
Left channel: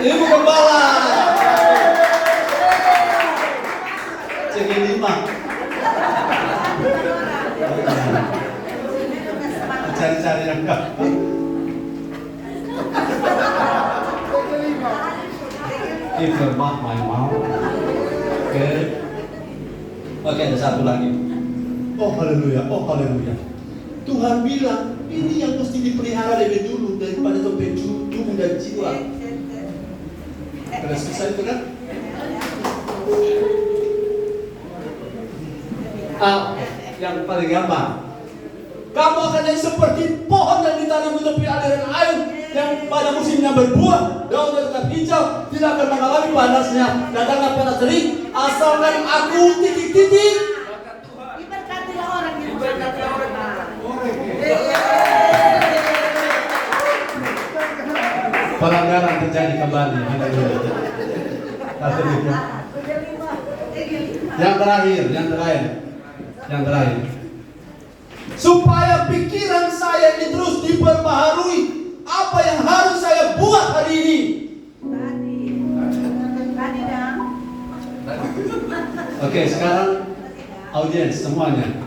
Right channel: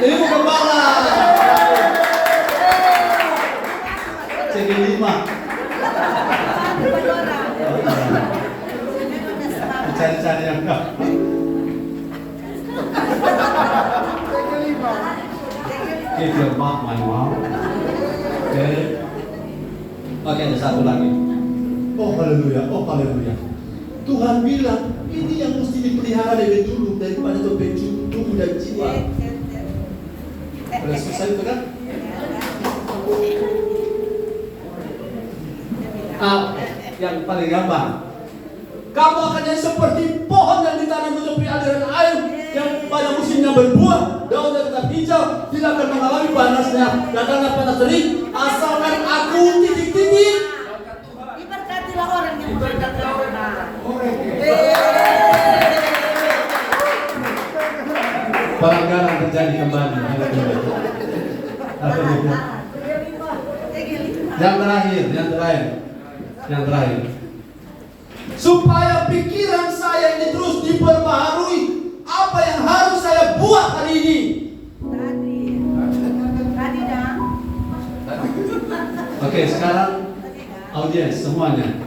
Ibu Gembala. CG5. Cari-cari yang enggak. If you're not my mom. Oke, ada satu lagi. Oh haleluya. Tuhan bilang ini yang mesti dipelihara lebih dulu daripada tubuh dan jiwa. Ada susah itu kan? Yang paling gampang. Kamu akan jadi seperti pohon yang ditanam di tepi aliran air yang pada musimnya berbuah, daunnya tetap hijau, tidak akan mengalami panasnya, datanglah panas terik, asalkan aku titik-titik. Diberkatilah orang yang Pelanggaran terjadi kembali. Haleluya. Yang terakhir. Supaya pikiran saya ini terus diperbaharui. Apa yang harus saya buat hari ini? Oke, sekarang audiens semuanya.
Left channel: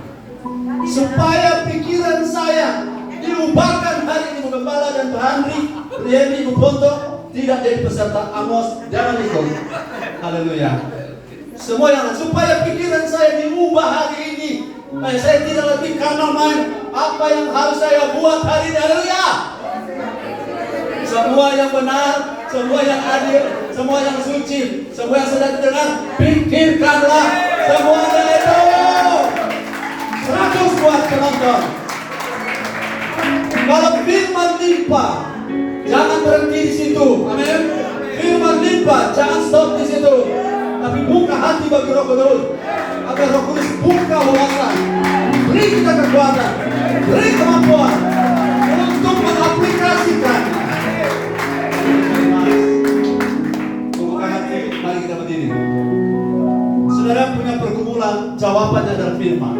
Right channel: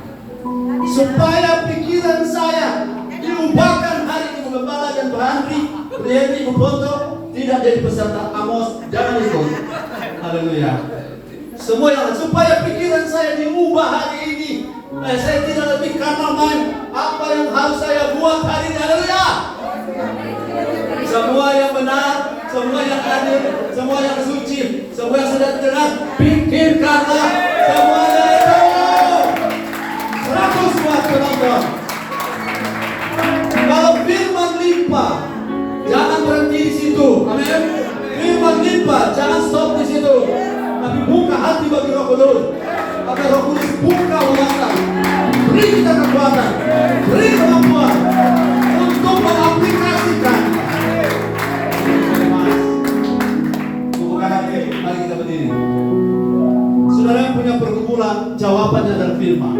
Supaya pikiran saya diubahkan hari ini Gembala dan Berandri, Riyadi Kuboto tidak jadi peserta Amos, jangan ikut. Haleluya. Semua yang supaya pikiran saya diubah hari ini. Saya tidak lebih karena main. Apa yang harus saya buat hari ini? Haleluya. Semua yang benar, semua yang adil, semua yang suci, semua yang sedang dengar, pikirkanlah semuanya itu. 100 buat penonton. Kalau firman limpah, jangan berhenti di situ. Amin. Firman limpah, jangan stop di situ. Tapi buka hati bagi Roh Kudus. Agar Roh Kudus buka wawasan, beri kita kekuatan, beri kemampuan untuk mengaplikasikan. Buka hati, mari kita berdiri. firman.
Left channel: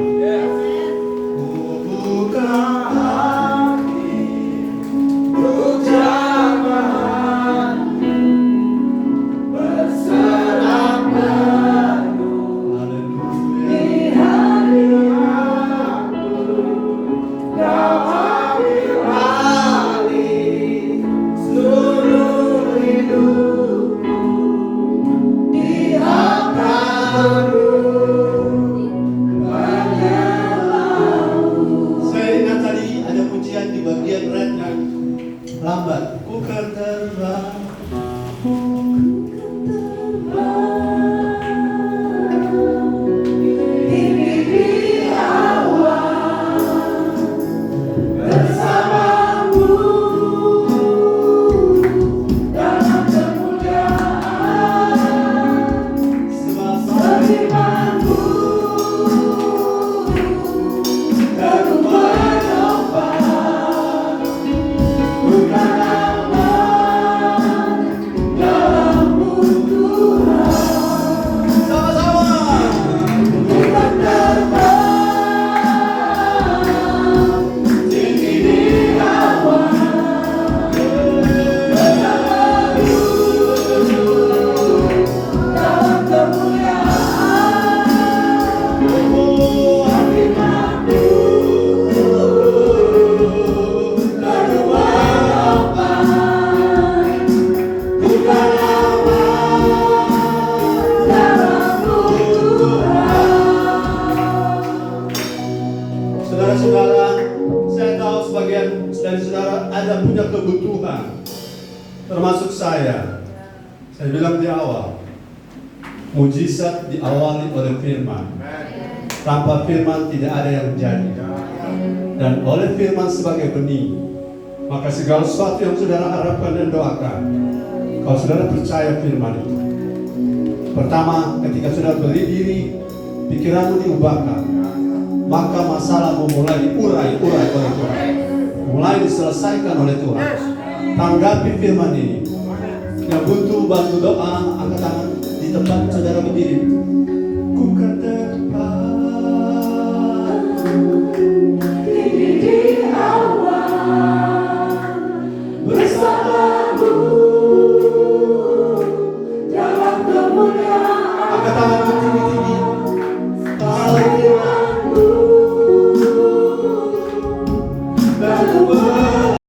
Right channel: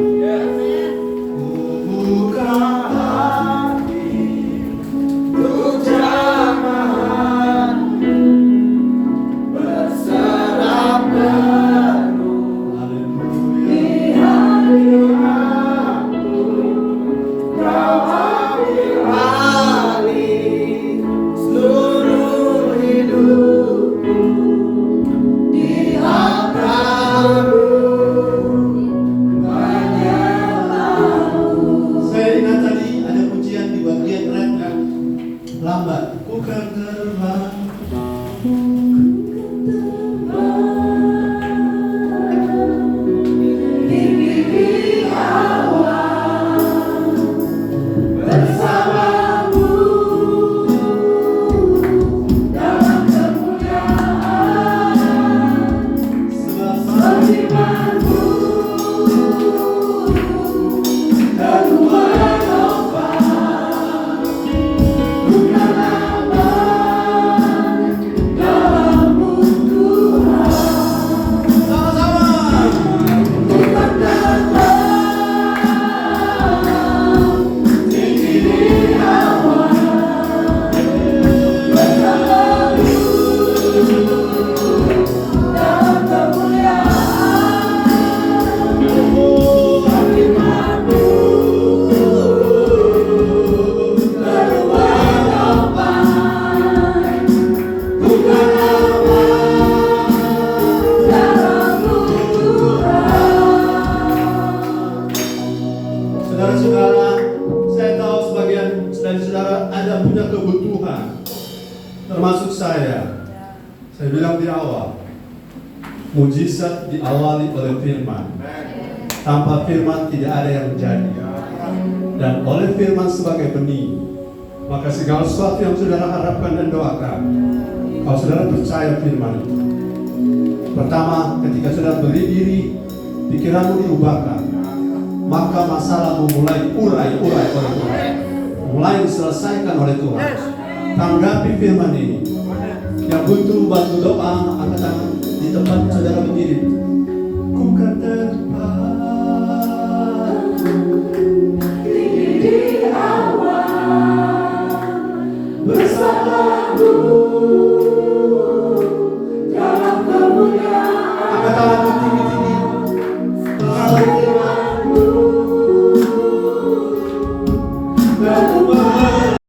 Buka hati untuk jamaah berserah penuh. Haleluya. Kau ambil alih seluruh hidupku di hadapanmu. Saya ingat tadi ada pujian di bagian rap yang lambat. Bukan terbang. Saudara-saudara, saya tahu sebagian saudara ada punya kebutuhan, termasuk saya. Saya bilang di awal, mujizat diawali oleh firman. Tanpa firman tidak ada yang menjadi. Dan oleh firman sebagai benih, maka segala sesuatu yang saudara harapkan dan doakan, kalau saudara percaya firman itu, pertama ketika saudara berdiri, pikiranmu diubahkan, maka masalahmu mulai diurai oleh Tuhan, mulai diselesaikan oleh Tuhan. Tanggapi firman ini. Yang butuh bantu doa, angkat tangan di tempat saudara berdiri. Ku kan terbang di awan bersamamu dalam kemuliaan. Angkat tanganmu tinggi-tinggi. Firman-Mu lalu